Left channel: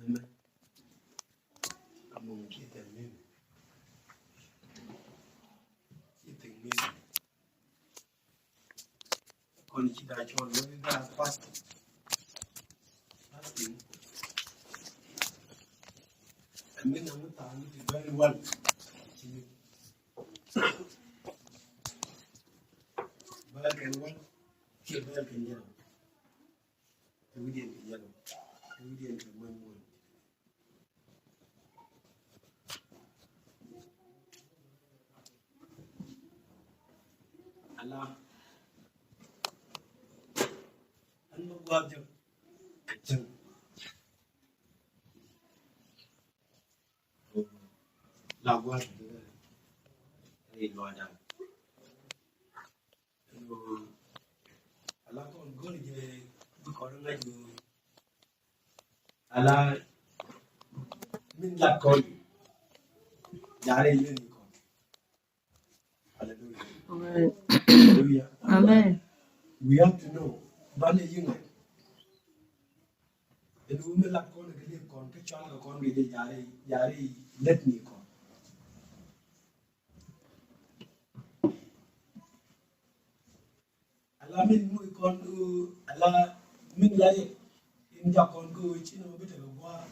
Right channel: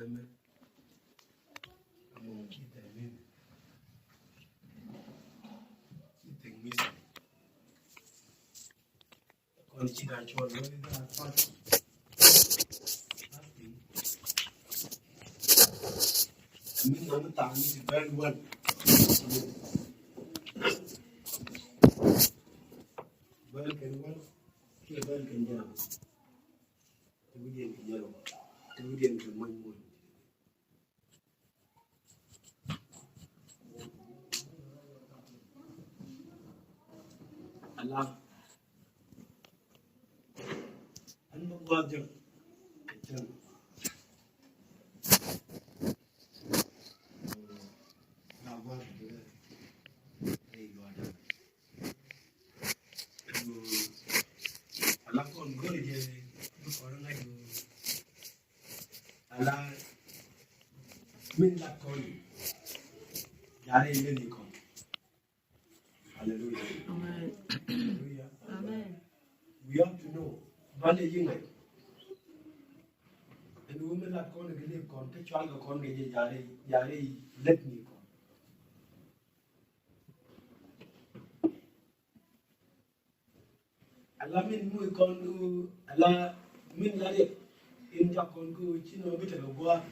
Amen. Among kita ni, kita ni. Kon kita jual ni dah pasti. Kami nama tani si very well. Well can well, here well can yellow. Kemudian ke yellow, kemudian ke manytap. Alam, anda buat je, kecil. Laguan, ini luar. Alam pun boleh je berkorang lagi. Alam Manytap kon, jari ini kon. Hallelujah. Amen. Hallelujah. Amen. We have to know. Bale yinga. Enu Manytap kon gede kon, kecuali kon gede jari let ni kon. Ala min mu kon ala min lari in ja kon ku chin no bita go gwa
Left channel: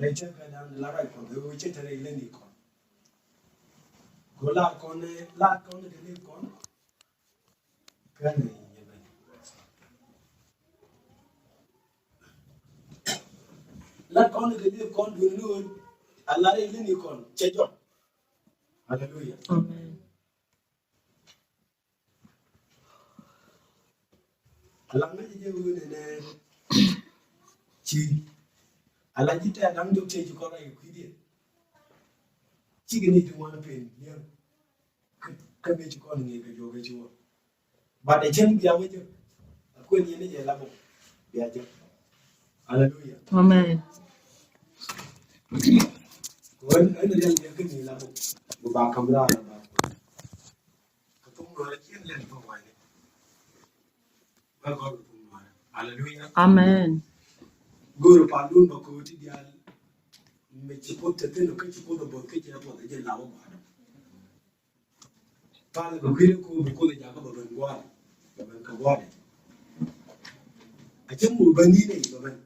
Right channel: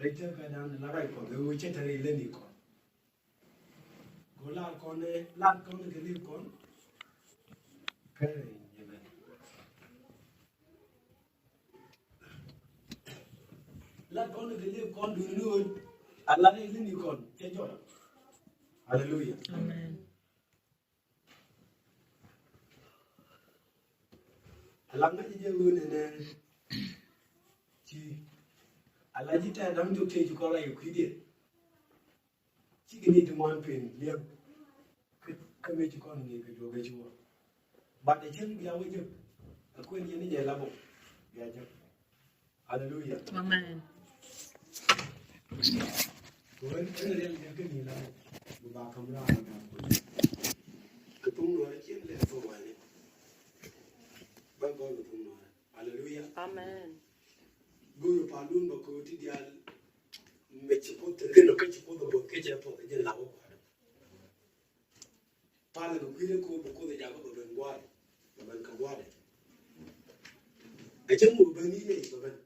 lecha ka dan la rai kon go che tare le ni kon go la kon ke ni kon ka ne yebe la kon ke ni kon du nu ala rai le ni kon che jo. Hallelujah. Amen. Alam ni je ne chi ala jita dang jo che ko la yu khidi chi gni tu man pen le ka me chi ko ni ke jo ke jo ba de chen bia we je ko ni ne je la bo bia je. Hallelujah. Amen. Wan an le ke ni la bo ba kam la ba ko tum no la chen le to wa ni ba ko tum no. Hallelujah. Amen. Guru palun ba ko ti dia me chi ko te ke no ke chi ko do bo ke je bo je la bo ba pa le ko khiri ko de ja ko bo ban gwa ba ban ka gwa de a chen mu ban ni ne ba ban.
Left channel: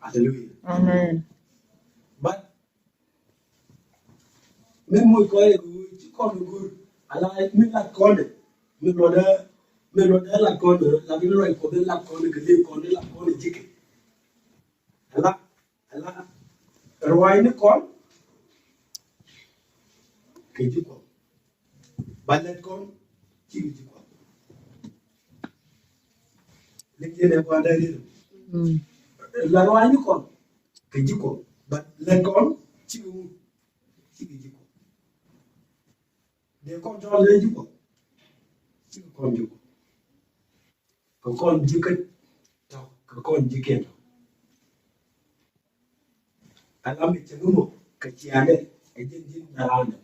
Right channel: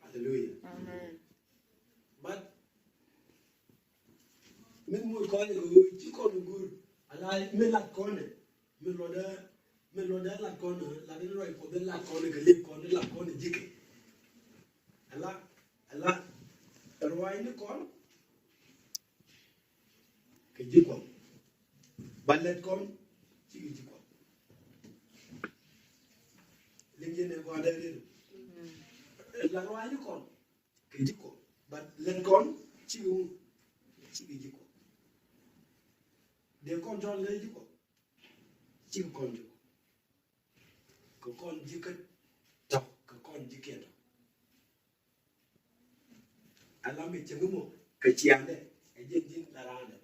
Hallelujah. Amen. But me mo ko e ko ti ko guru ala me la ko de me lo da la ko de la bi ro ko de la ko de le ko de la ko de jike ala rwai ni kon ke jiko balet kon chi jiko le je ne ko da ni la rwai ni kon ke jiko balet kon chi jiko de kon jo le jiko chi kon jiko ko kon jike to ko kon jike ala mi chegumo ka chiane e jin darane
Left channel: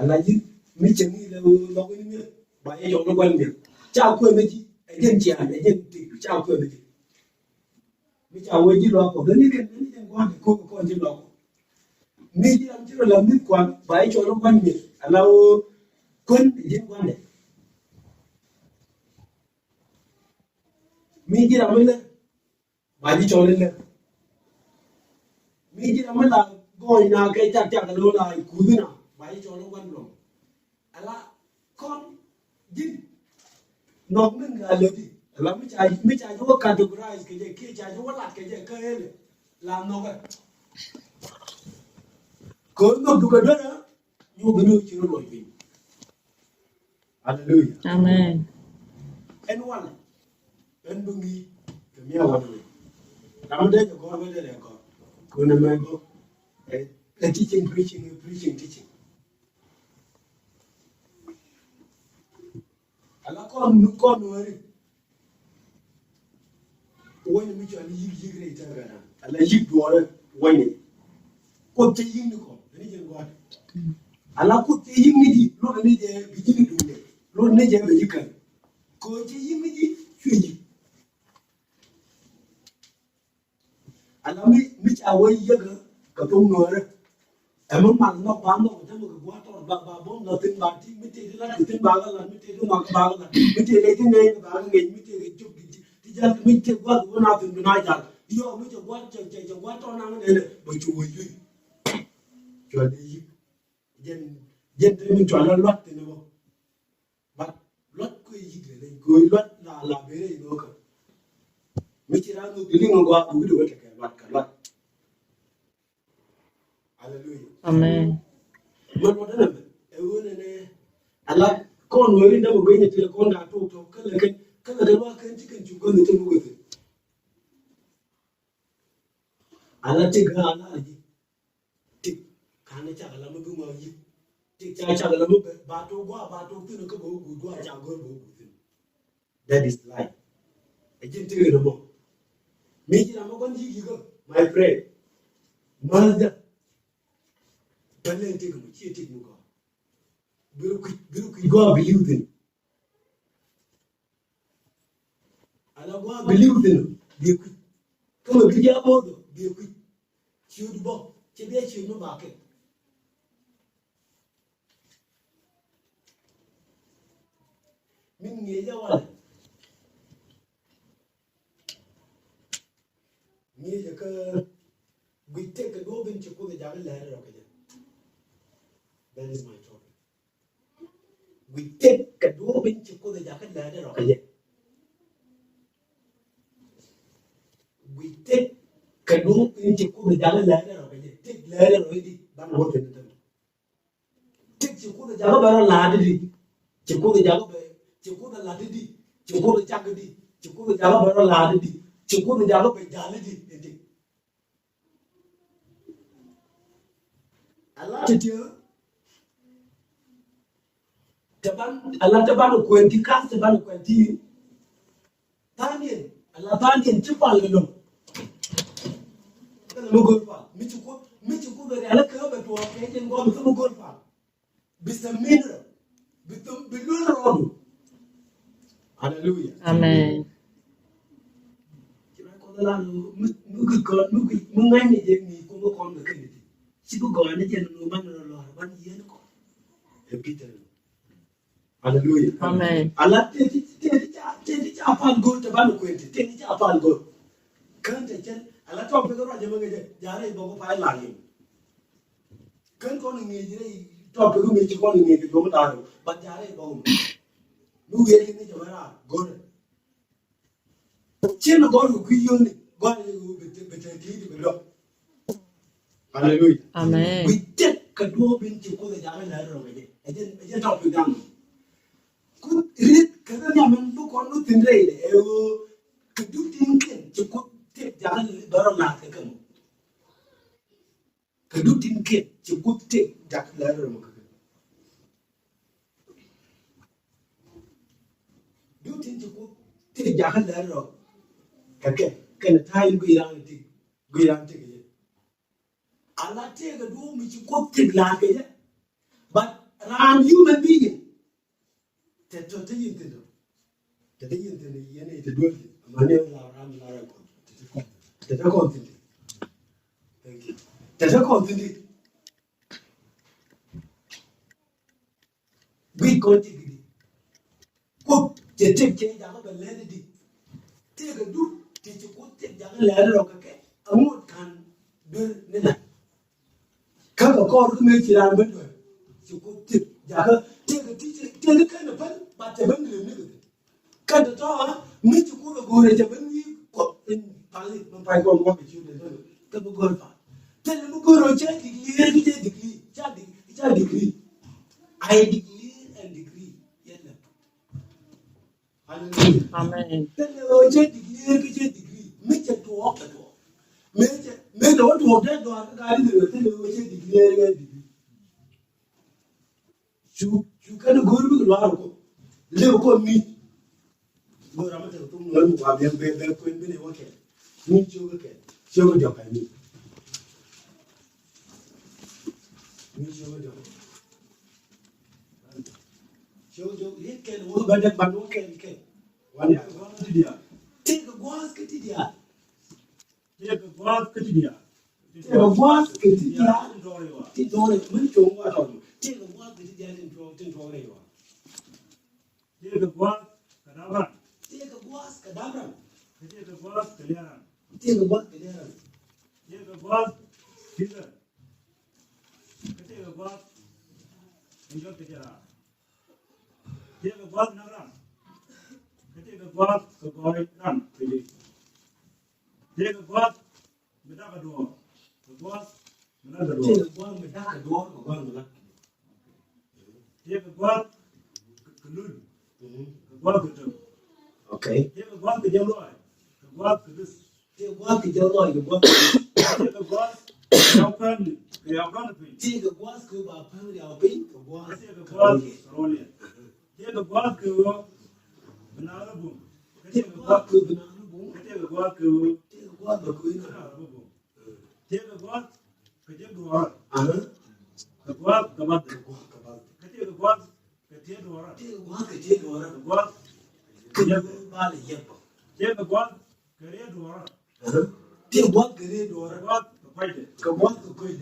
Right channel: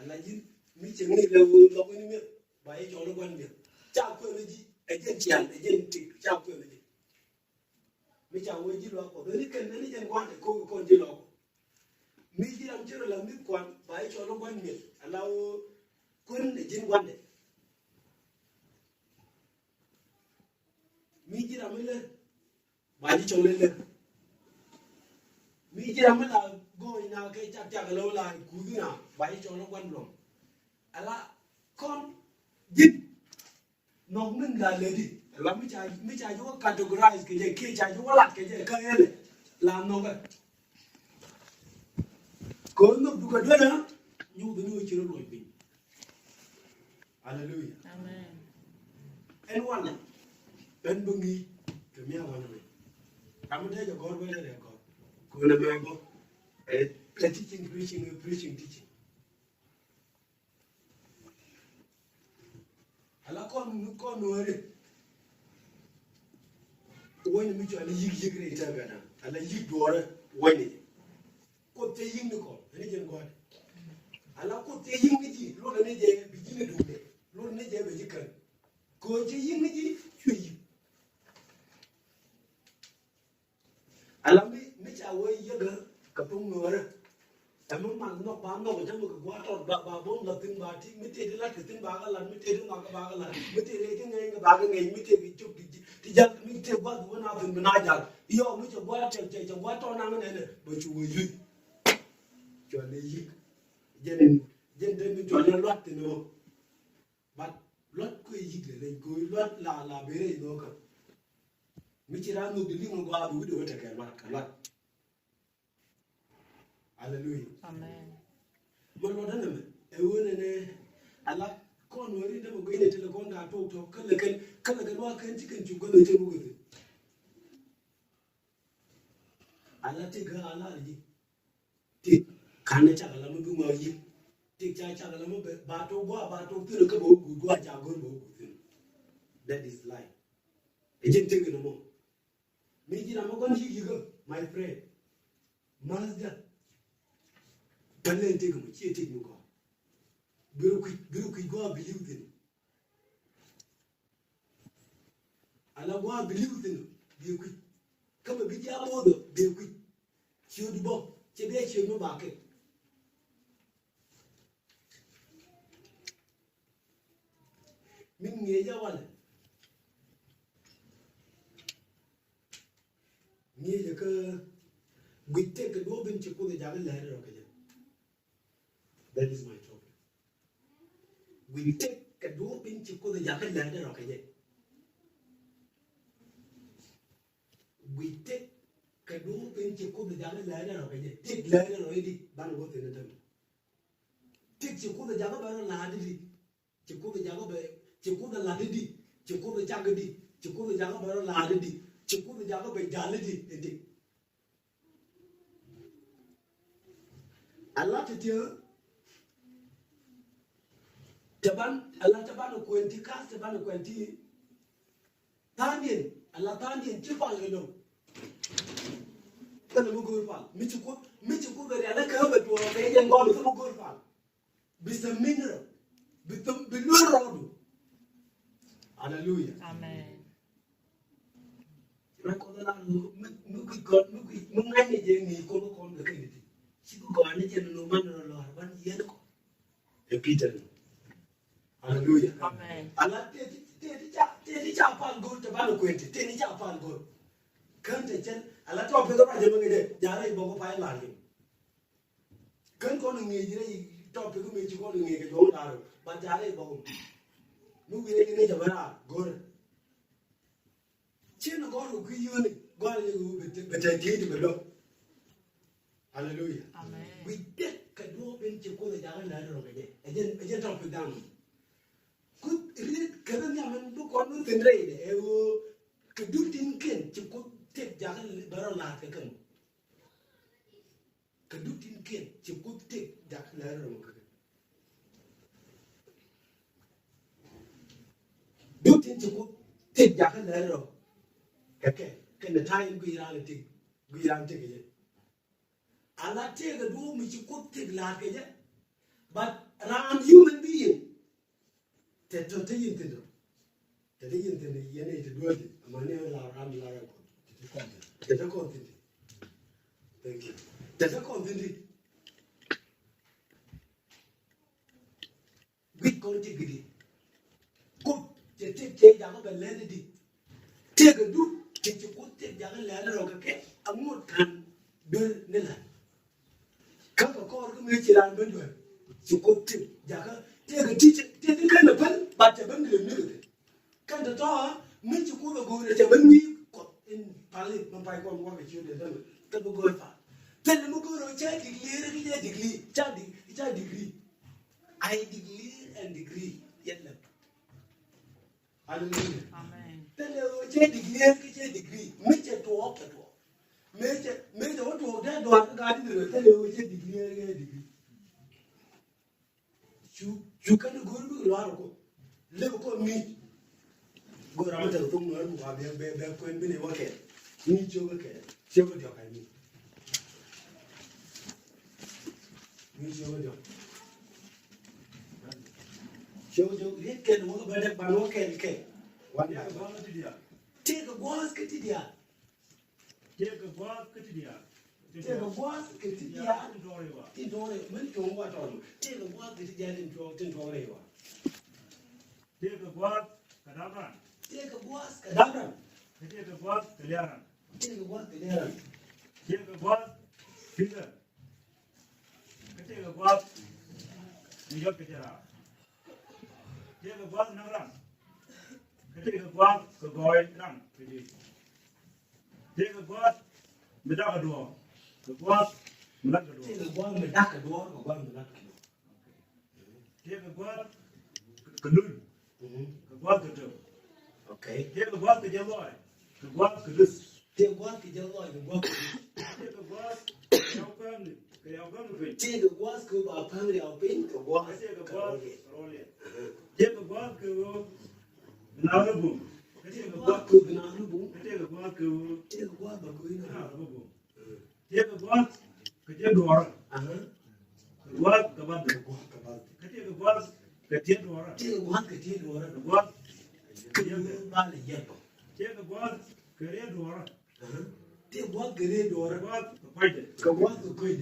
ala ji mi chengi le lo ni ba e yo no kwan mi cha ko me ji e jin chian e jin ti cha ko me ji mi cha wo ji lo ko ni ken ni jen kwan ko ji lo ko mi ji am ji lo mi kwan ba e yo no kwan mi ala o kun jin kwan de mi ji am le ba ji cho lên mi ji am la go na cái chắc lo la ku na ba ji cho nó quan rồi ala con jit nó mình là lời đi là mi cha yo categorize cái kia cha yo la cái ele la no ga ko no du ga do na yo ga no chi ro bi. Hallelujah. Amen. En wala en bu mi ke mi awan I'm there to go over there. Go to Mango. Teaching, teaching. I like all new corner. When you meet you great time, I like you to when it. Put the yin go. I like put the yin, Lord, need a beginning to do. Lord, need a vehicle. Go to yin, ala mi cha wo yaga ka tung no re em mang nó quá nó phải trong một quá tròn bà bốn là tin bà thì mới tiền là tin bà là mới tiền mà bà là mới tiền lấy cái này bà cái nghề mới tiền cái chút thì giờ mới tiền quá của nào tin mình ai giờ giờ mới cho quá chạy quá tròn năng này này bởi chủ gì cho đi dân thì mình chọn là loát thì nó bắt loát cái gì để coi loát là bé này nó cả mới chỉ ra nó cái này ngon quá cũng được cái loát Hallelujah. Amen. Man mo dana e wona ne ala kon wori da mo gayne tele kon da to kala da ba kan cikin ci gon te mo gobe ala te ga ala ji te kan ta ala mo bi mo yi te cha ala mo ba to te ka bo gu ja go bo gu that is life e jin te ga mo mi ji na mo gon ji go my friend mazda Talen take mu ce take muka biru ku go believe in ala go believe in bi ku kama bi ya bodo bi ku ci du bo ce be ce no ba ke min nge ja wala nge ja ka guitte ka do bin ci ko ga jagal la ra ka that is my topic. We take a door in Chico the Jacket ladder of a we take a door in Chico the Jacket ladder of a take ladder already done what in the take Chico the Jabba Laddy, Chico the Jabba, Chico the Laddy, Chico the Jagadi, Chico the Jabba Laddy, Chico the Jabba Jaladi. I like it here. Allah taban kwenti kas taban kwenti tanin Allah tanin tipal lo tan mo gol fa mi ci ko bari ala ka ba to kay den go mi mo gol fa bisamin bitum bilur rodu hallelujah Amen. kira ko la mu ngani je ni ko ko ko ke ni ci ko go ni je no man lo ban yen ko e peter Hallelujah. Amen. Allah tedi cha pan gol te banu kwenti tedi cha pan gol kan te chen Allah to pe ga jama ngede jare bo ko fa la ni kan ko ngi jire to pe ko ngi ci ko ngi ke do da ba jare bo nu ye ni jama ra gol chen go ru ku yo ni go ni be te ti be lo Hallelujah. Amen. We take ka do bin ci ko ga jare la ro ngede ejen to pe ga Good read Kanaman book on nothing later. Could do thinking to could take Jan Baron Kagam. Could do thinking to could take Jack Ladder. Do think to could take Jack Ladder. Can a time be around it? Go around take it. I'll not take a room which you could take like it. But around human being. Te yin yene te duati mane la ram la ko te ko thank you te ko we go tigidi ko te ja ko le di te ga du te ko te ja la ro ka ke amu tan dul ne na ka ko me ti ran ben do ko te ja ka te ga kan ban ba ta ban da ne kan ta to mi ci ko go ne ta ban mi ko in pali ban pai ko ko ci da ta bu go fa te mu go ro ce degree I degree and degree yalla hallelujah Amen. te ro ce degree mi ce to ka to me da wato da ga di te ro ce degree you can go to the Largo. Live on me. Go around and don't learn why they are going to be okay. You show job. I mean, you show job. You can work by that, but no can. One year, take the walls, get it here. Take a boss, Katidia. Take a boss, Katidia. Take all the money to water. Take a boss, Katidia in Torrewa. Take a boss, Kadabran. Take a boss, Kadabran. Take a boss, Kaliaran. Take a boss, Kaliaran. Take a boss, Finger. Take a boss, New York. Take a boss, Nagran. Take a boss, the boy, run. Take a boss, Medakador. The boss, Medakador. Take a boss, Medakador, or one Medakador. Take a boss, Kanun. The boss, the okay. Take a boss, the yellow. The boss, the Take a boss, the yellow, the boss. Take a boss, the open. They are going to be. Take a boss, go our family, our pink, or one. Take a boss, Rolling. Take a boss, go. Banana boom. Take a boss, go. Banana boom. Take a boss, go. Take a boss, go. Take a boss, get your door. The boss, the mother. Take a boss, get your door. Take a boss, get your door. The boss, get your body. Take a boss, get your door. Take a boss, get your door. The boss, the fight. The boss, the fight.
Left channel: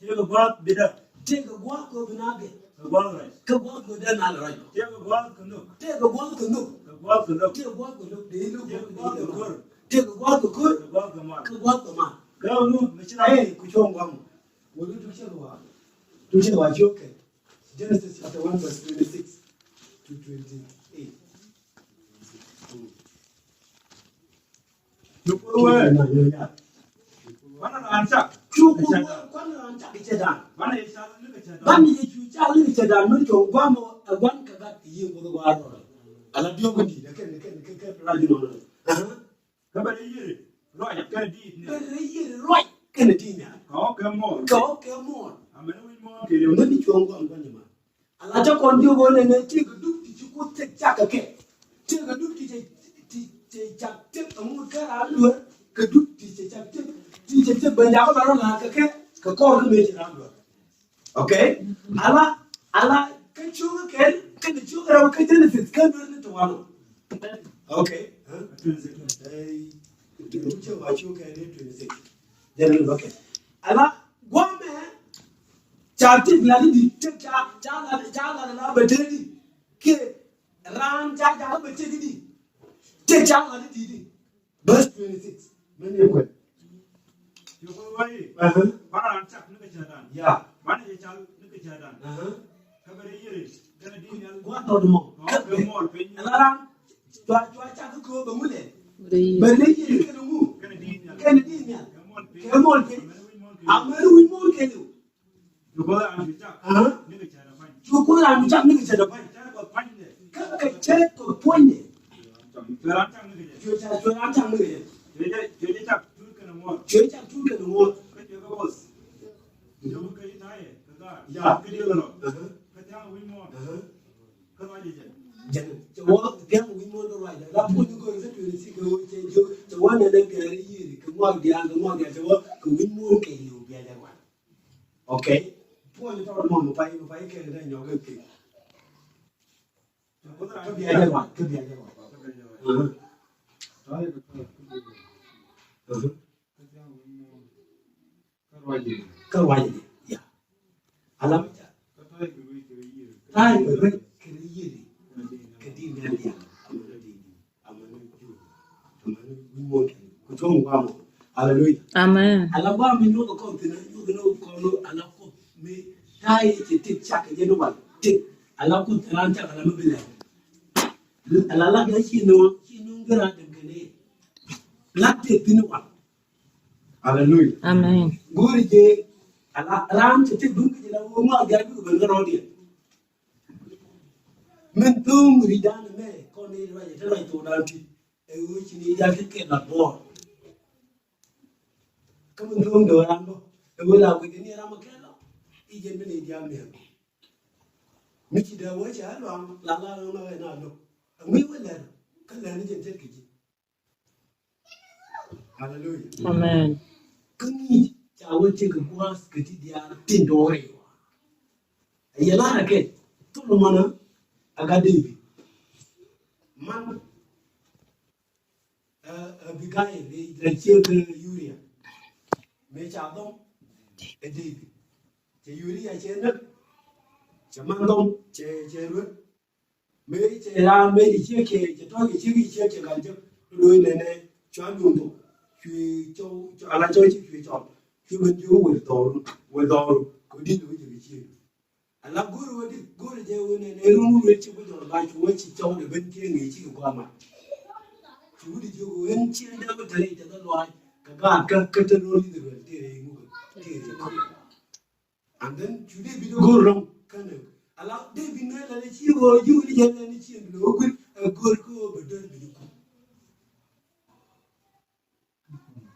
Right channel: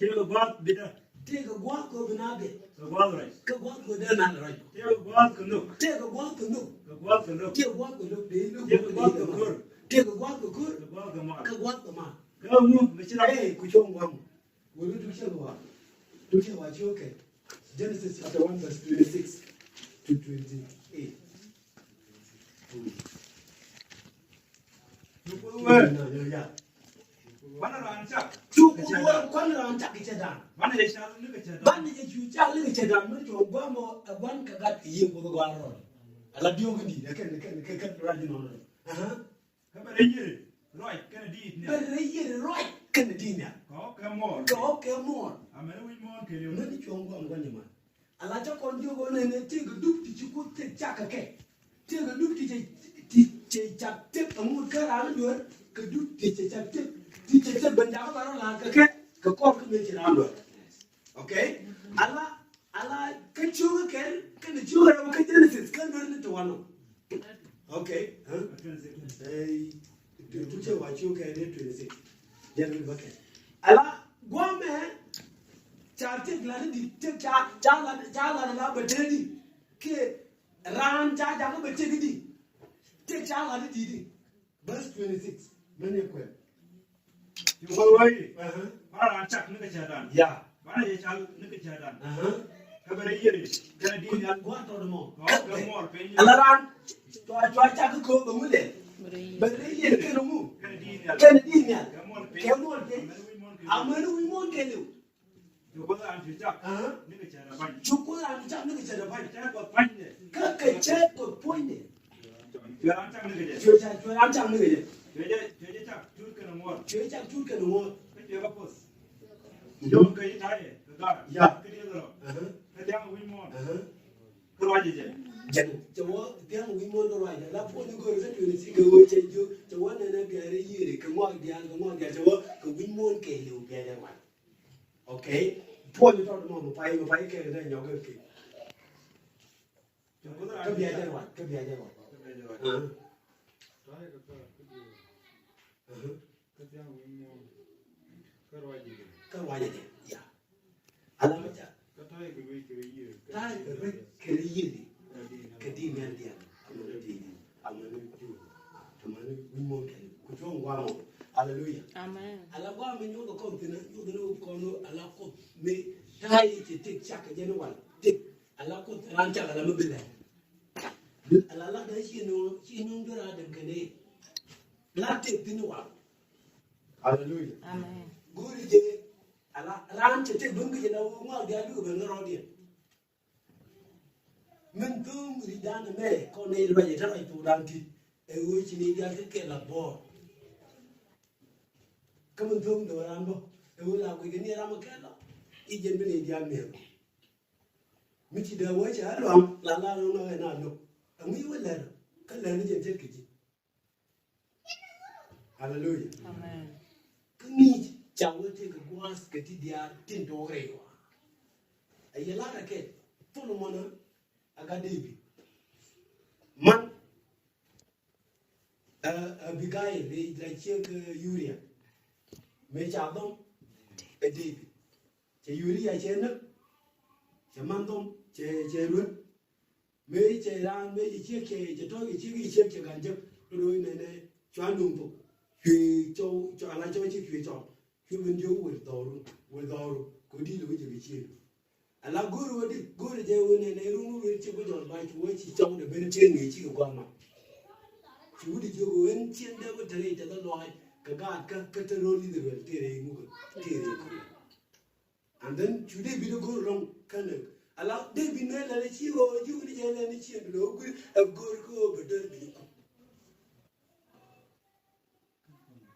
Take a boss, bid up. Take a boss, go to Nabe. The boss, right. Take a boss, go down, right. Take a boss, canoe. Take a boss, canoe. The boss, canoe. Take a boss, canoe. Take a boss, the good. Take a boss, the good. The boss, the man. Take a boss, the man. Go, Michelle. Hey, which one? Will you do Shalwa? Do Shalwa, okay. Genesis chapter 1, verse 26 to 28. Look away. One of the answer. Two one answer each other. One is shall look at One is you tell each other, not your one got the year with the water. I love your money. I can run you on. Come on, you. Right, can be. But a right Canadian. Oh, come on. Go, come on. I'm going more. You don't need your one man. And I talk on you one and take a look that you could take jaka. Take a look at Jack, take a moon car, could do Jack, teach a Benjamin like a cat, a call to make it under. Okay? Allah, can you again? Can the children get Genesis? Come into one. Okay? Hey. What you can do to the general bucket. Allah, one man, Charted Lady, Jala, but K. Ran Jaka, but take Jala, verse 26. Many of them. You go away. One on Chuck Nickachadan. Yeah. One is Chuck Nickachadan. Cover a year. Can I Go on more. Alaran, try to go the Mule. But they can't move. Canadian. Come on, I'm going to more can you. You go and Chuck. You go and Chuck Nickachadan. Cut a check or point it. You're on Chuck Nickachadan. You Chuck more. Church and two can more. You don't get tired. Yeah. Good deal. The young win more. What is it? The walk, young women the right. That would go to see the one and then get a year. Come walk the other one, get to work, win more can you get that one. Okay? Point it out on the fire, if I can, then you're good. Could be other one. Could be other one. Cơ quan gì vậy? Anh làm gì? Ai mà biết cái gì? Cái gì nghe đi? Anh mua cái chung qua một. Hallelujah. Amen. Anh làm qua mình nuôi con thì nó con nó anh làm con mình hai chỉ thích chắc cái nó vậy. Thích anh làm con anh chắc là nó bị lẹ. Anh làm cái gì nó cái ra được cái này. Lát tiếp thì nó vậy. Hallelujah. Amen. Guri je alam ce dun ke da wo ma ga du ban garo dia men tum ridan me ko ne ba je tan to da ti e wo ci ni da ke na bo ko men tum do ran do e wo la ko ke ni ram ke la I je me dia me mi ci da wo cha lo la no na no mi wo la ka la ni je te ke ji hallelujah. Amen. Kuni chawo take a boss get dia tindore ayala ke to no mana aga devi man biga guy le chiêu ke urea me cha dom e di che urea che nak che man dom che ru me che ra me di che che to che ga je lui ne cho luôn tụ khi cho ala cho chi cho khi bên dưới quỳ tổ có đi đối với chi ala guru đi guru je ne ru ru chi bây giờ ba chú chi cho để bên trên nghỉ chi qua mà chú đi vô bên trên đó có thể cho nó loài cái tên rồi đi được thì này mu thì and then chú đi video go wrong cái này ala đi bên này là chi go chú đi je ne chi lo guru ko betul đi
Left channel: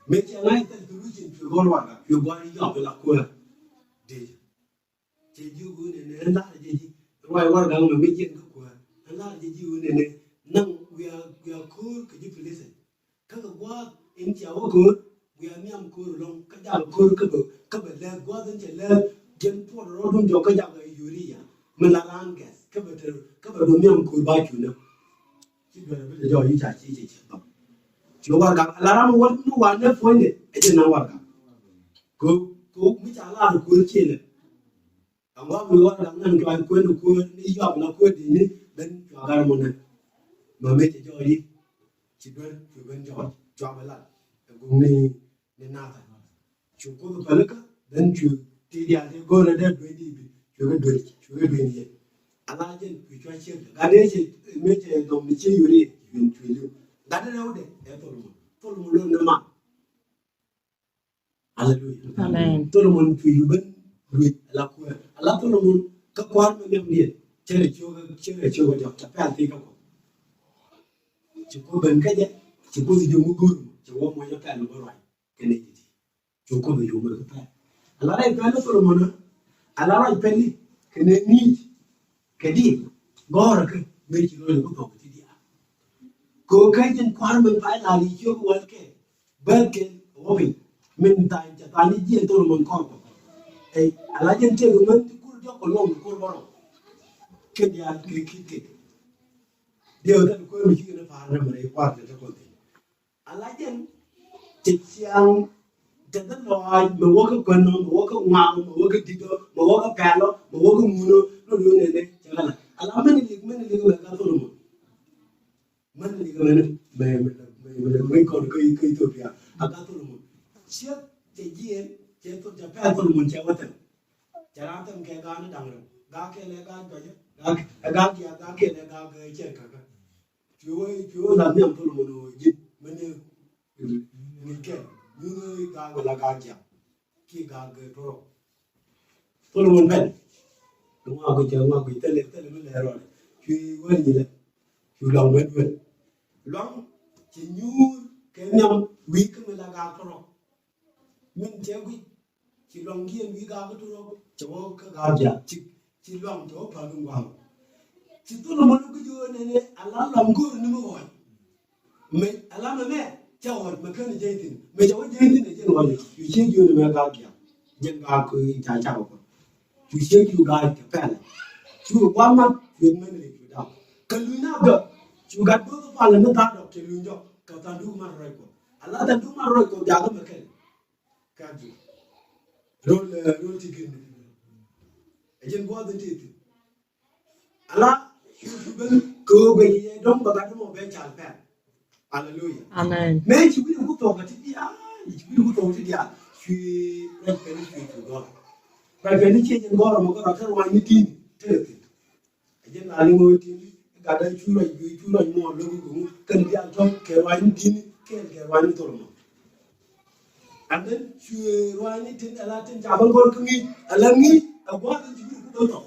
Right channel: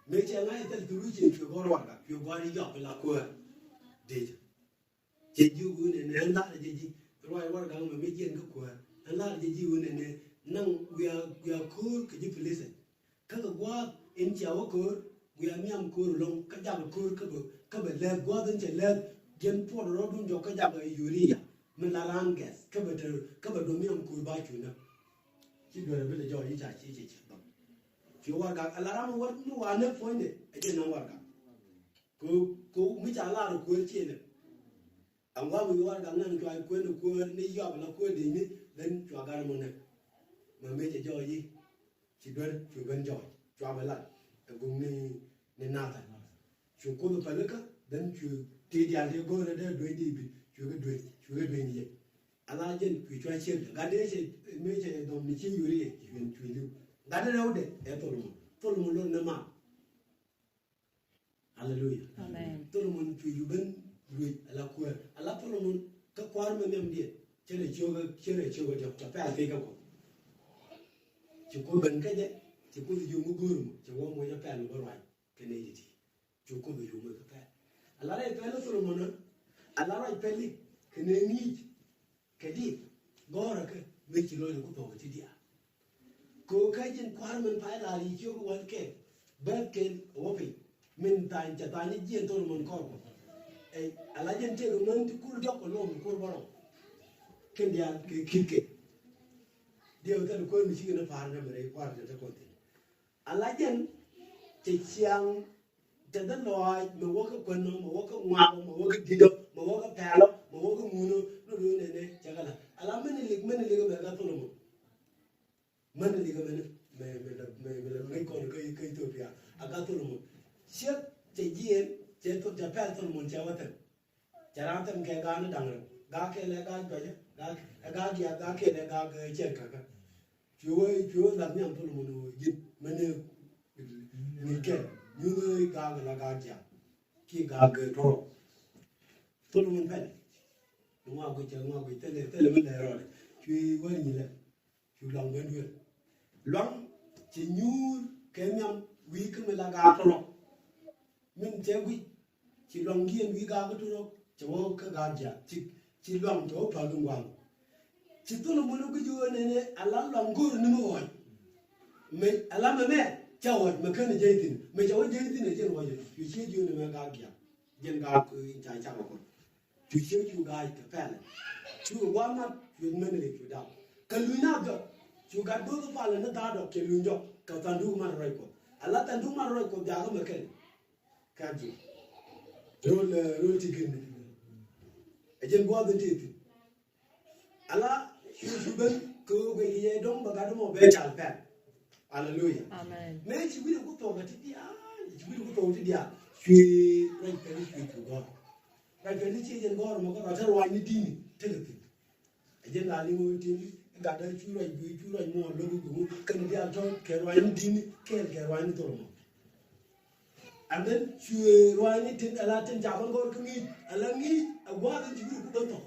mấy chị này ta cứ chuyện chuyện con loạn cả chuyện con đi học là quên đi chị yêu người này anh ta là gì rồi qua gang mà mấy chuyện cái quên anh ta là gì yêu người này năng we are cool cái gì phải listen cái qua em chào cool we are miam cool long cái dạng cool cái bề lẹ qua đến chạy lẹ dân phố đó luôn cho cái dạng cái urea mình là lang gas cái bề đồ miam cool bao nhiêu nữa chỉ đợi bây giờ đi chạy chỉ chú warga alarm wal nu wane fonde ete na warga ko mi cha la ko chele angwa mi warga nan ko ni yob na ko de ni ben cho gar mo na ma me che jo yi chi ben jo ba la ko ni na ta chú ko ba la ka den chú ti dia de go na de do di bi chú ga do ni ala jen ku cho che ga ne che me che do mi che yuri yun chu Gada đâu đấy, tôi luôn nằm ăn, Hallelujah, Amen. Tôi luôn tùy bên người là quê, là tôi luôn các quan bên em điện, chơi để chiêu cái chập phải ăn thì các cụ, chỉ có bên cái gì, chỉ có dùng một guru, chỉ có một cái phải là rồi, cái này gì, chỉ có dùng một cái phải, là đây cái nó tôi luôn là rồi phải đi, cái này nghĩ, cái gì, gọi cái mấy chỉ nói được có cái gì cô cái chân quan mình phải là lý do của cái bên cái obi mình tại cho ta đi diễn tôi mình coi ấy là dân chơi của mình thì cô cho con lông cô bao cái nhà cái điều đó cô mình chỉ cần phá ra mà để qua được cho con thì là dân chỉ sang cho đến rồi mà vô cái quần mà vô cái ngoại mà vô cái gì đó mà vô cái pèl mà vô cái mùi nó luôn này chẳng hạn là mình đi cái này thôi mà mình đi cái này mình còn cây thôi kìa, aga thôi mà, xét cái gì cái tôi chả phải thôi mình chả vậy, chả làm thêm cái gà nó đằng rồi, gà cái này gà cái gì, gà cái này gà cái chơi cả, chúa làm nhầm thôi mà nó dịch mình cái như gà là gà gì, cái gà cái thôi mình phải, đúng không? Cái tele mình để rồi, chúa quên gì đấy. Chú lòng bên vườn loãng chỉ nhu cái nhầm quý cái mình là gà thôi mình chơi quý chỉ lòng kia quý gà cái thôi chỗ cái gà gì chỉ loãng chỗ phải đúng không chỉ tôi là một cái chỗ này Allah lòng cô nó mới hỏi mình Allah mà mẹ cháu hỏi mà cái này dây tin mình cháu dây tin này chứ nói chú chơi chỗ này mà gà kia dân gà cứ chạy cháu chú chơi chỗ gà cái phải là chú quan mắt chuyện mình để chú đào kalau nak ada, juga tu paling nak ada kelunjuk kata dulu mana reko. Allah dan dulu mana reko jaga makan, kaji. Roll tikin. Ejen gua tu tikin. Allah juga kau bagi dom bagai dom becal pen. Hallelujah. Amen. Mei cibi aku tahu kat dia, cibi aku tahu dia. Cui pen cui tu gor. Pen ni cije gor, maka rasa wani tini, tikin. Ejen ali mau tini. Gada chura mo lo go kan dia to ke wani din ke wani to mo and then chu wani tin ala tin jaban gor kungi ala ngi agwa tin ji ko to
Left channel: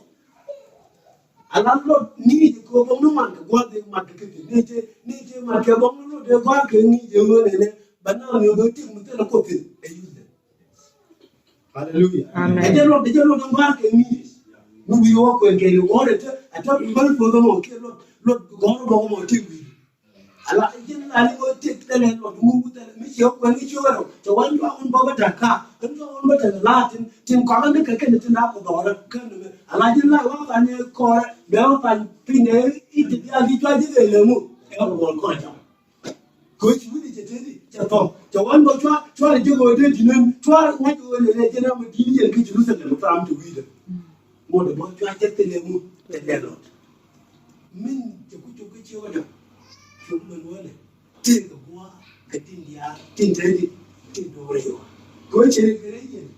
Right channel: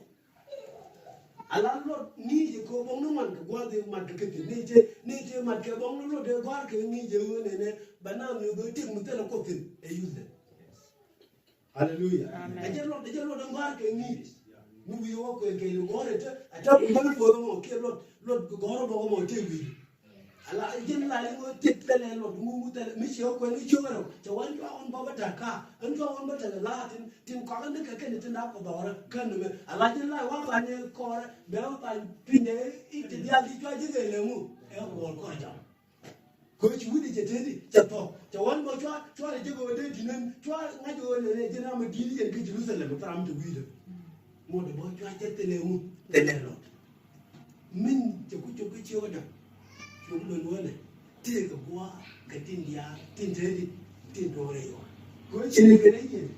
ala lo ni de ko bom no man ko de ma de ke ni je ma ke bom no de gwa ke ni je mo ne bana mi do tin mo te ko tin e use hallelujah amen de lo gwa ke ni nu bi wo ko ke yo re te ata ko ko do mo ke lo goro go mo ti wi ala jin la ni go ti tele no du tele mi yo ko ni choro to wan yo on ba ta ka an ko on ba ta la tin ko an ka ke ni na ko do ra kan me ala jin la wa ta ni ko be o ta pi ne I ti ya di twa di le mu e ko ko ja Coach with the Jetty, Japan, the one more try to go there to them, try not to let them give and get Jerusalem from to read them. More than one try to tell them the landlord. Men, the good to get you on. You take a war, get in the air, take the radio. Coach in a Canadian.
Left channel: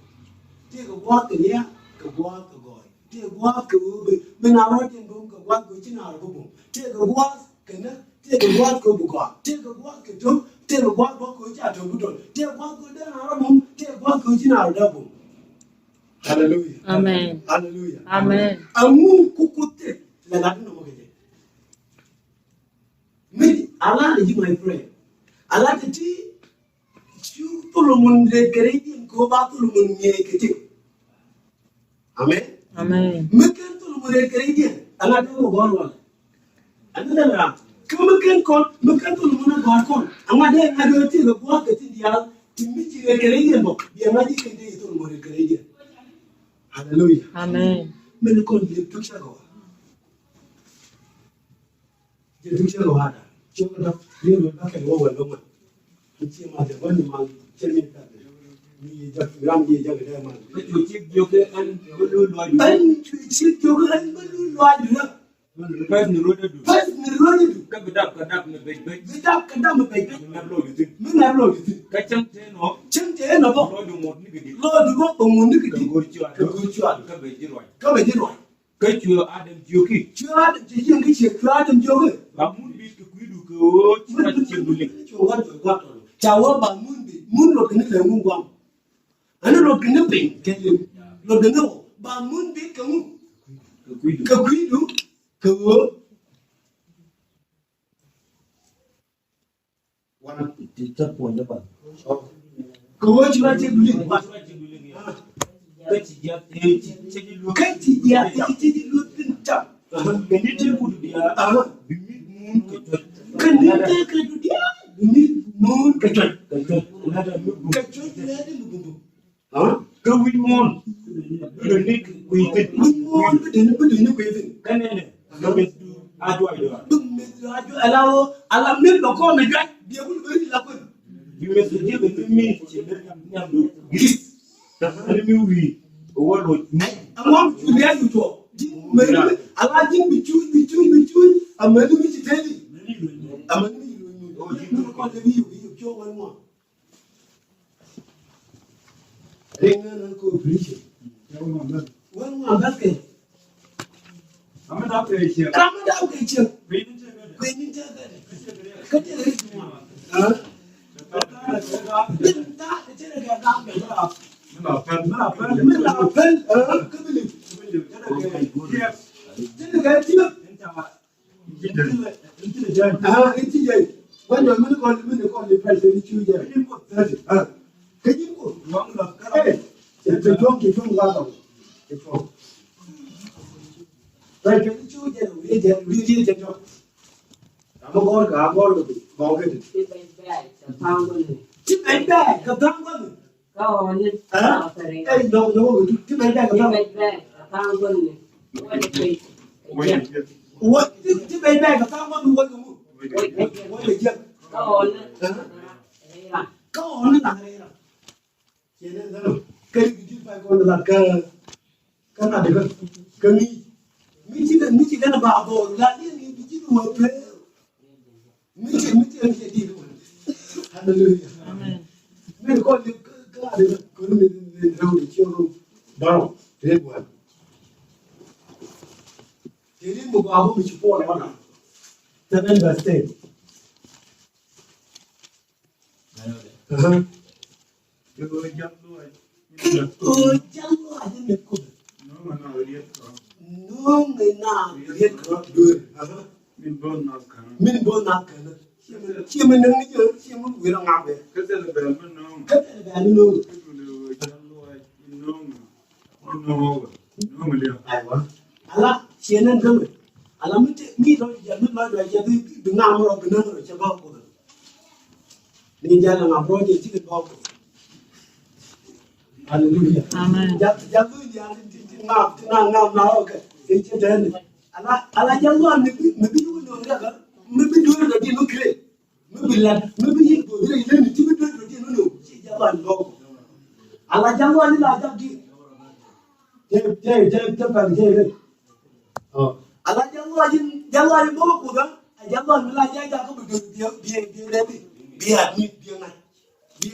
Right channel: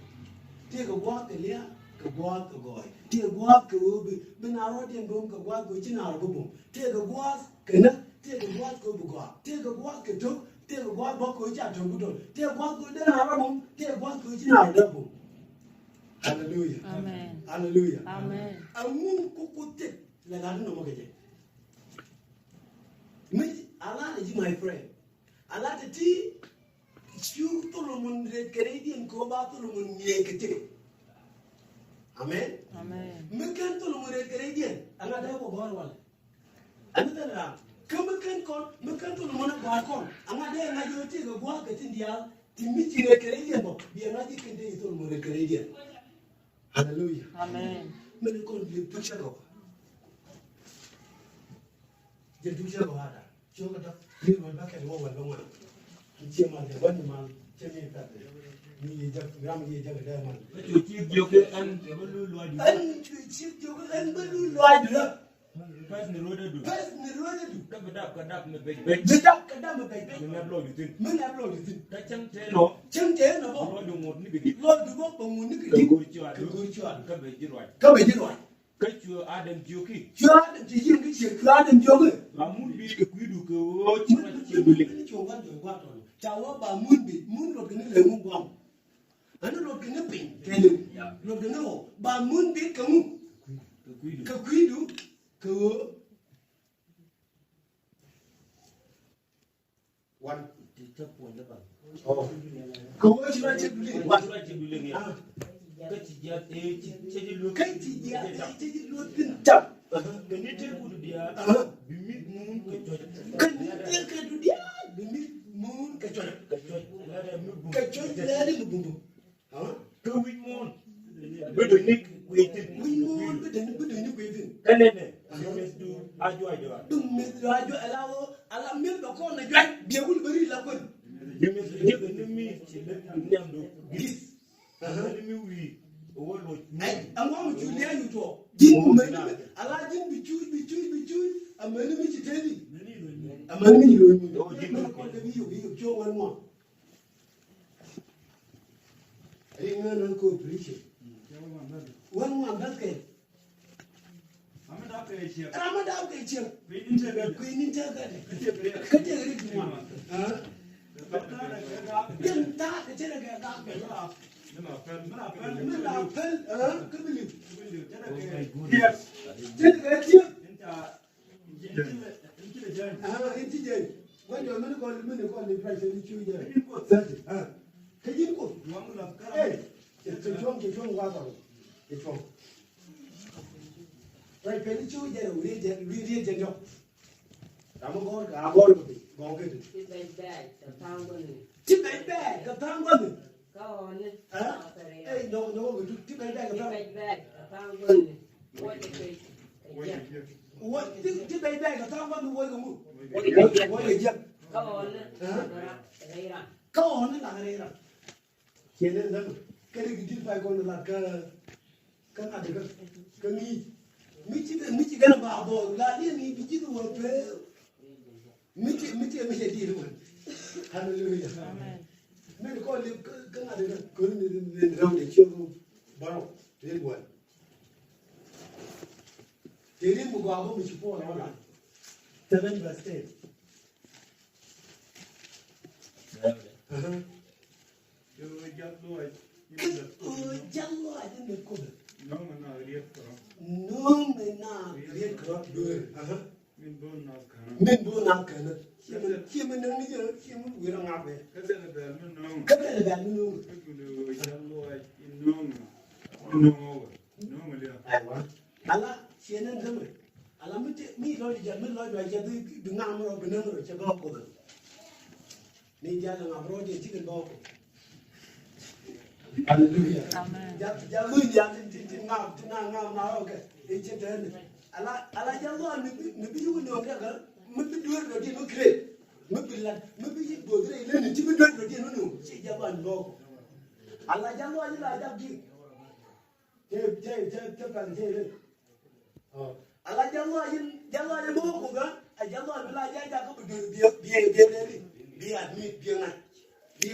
Take a walk in here, go walk the boy. Take a walk over, when I want to go walk with in our boom. Take a walk, can take a walk over. Take a walk at home, take a walk with our double. Take a walk with our room, take a walk with in our double. Hallelujah. Amen. Hallelujah. Amen. A moon could take the Latin of it. Me, I like you, my friend. I like the tea. You Solomon the Canadian go back to Solomon. Amen. Amen. Makan Solomon the Canadian. And I don't know one. Another come again call, Makan Solomon Barcon. And my dad had to take a walk in the house to meet the Canadian book. The American day is Solomon the Canadian. Hallelujah. Amen. Many call the picture go. The picture go harder. Children of little back and over longer. It's a matter one month, tell me that. We just ram ye young man. But you keep joking and blue lodge. And to cheat your and blue lodge. Pass the road to do. Pass the road. Come up, the bed. The duck and dumb baby. Men have loaded it. Catch them, no. Chink the end of all. Lord, you won't need it. Lord, you walk on Munich. Go to you. Come and do it. Catch you, Adam Joki. You are the young kids, and joking. Mamun be a quid go to What? Chawa Bamundi, Moon looking at the moon. I don't look in the pink, tell you. Look at the Bamundi, come. Kaquidu, go. One of the top one. Go what you like to do. What you like to do. Katie, yeah, it looked tough. Can you tell who they are? Can you take it? Yeah, moon, Kajon. Huh? Go with moon. With the nick, we could moon, but then put in the waving. Can then I allow me to call me back. They will very lucky. You must give it to me. We what would I want to hear you talk. I like him between. I'm ready to tell you. I'm ready to call the view. You kill one more. Ring and go preaching. One more basket. I'm not here. I'm not out here. We didn't tell that. Cut it. Huh? Then that the telegram down. When the men call the president, you can you go? Hey, the drunk is from Lado. Right, can you choose them? Really, the job. I'm going to go get it. Chip and bag, the tongue wasn't. Hey, no, chip and bag, what did you pay back? I found one who was a move. Go on, cái phải còn là cái nào được cái mi chỉ cái nào bảo đồ là đi mi chỉ đùa thế mi chỉ đi luôn. Hallelujah. Mình có cái nào được cái mình đâu để chiêu luôn bao thế quá. Thế nên một bảo mình chỉ có là bao nào? Cho nên là thế. Ôi chăng lo anh được không? Nó người nào biết có được? Mình bon nào cả nữa. Chỉ mình đừng nghĩ chứ, chỉ mình vừa ngáp vậy. Cái này là bèn nó. Ala, chỉ nên thôi. Ala mi thôi giờ mi nói rồi giờ đừng ngáp rồi đừng rồi cho bao cô. Ni giờ là ngáp rồi thì chỉ cần bao. Hallelujah. Amen. Jangan ngam nào cái chuyện thế này. Ala jangan ni juga dong ya kan. Mesti dulu dah di nukle. Mesti bilan maybe you go there then you do it again no she jalan lo ala jalan ni la jadi je pan je oh ala jalan mo ko dan jalan la ja ja ko biar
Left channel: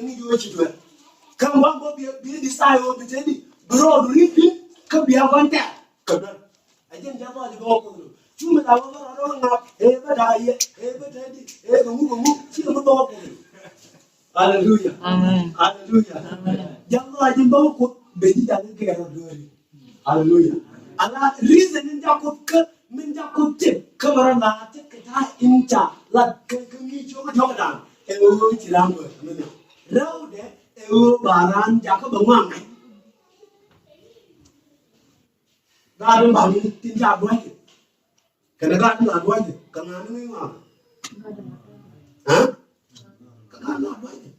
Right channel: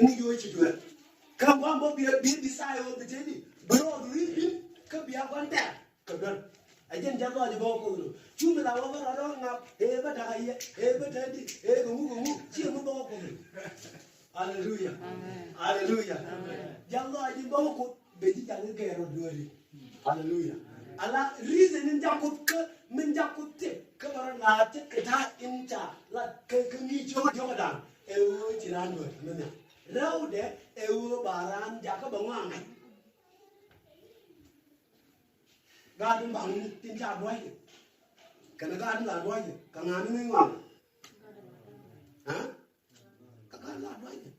ni yo chi do kan wan bo biar di sai o bi tedi bro du ni ka biar wan ta ka dan ajen jalan ni mo ko cuma lawan orang ngap, badai, badai, gumu, cuma bawa pun. Haleluya, haleluya. Jangan aja bawa pun, bedi jangan kaya orang dua. Haleluya. Allah reason menjakut cip, kemarin nanti kita inca, lat kami cuma dan, cilam ber, mana? Rau deh, baran jaka bangang. Garam bangun tinjau buat. Karena kan ada aja, karena ini memang, karena ada aja.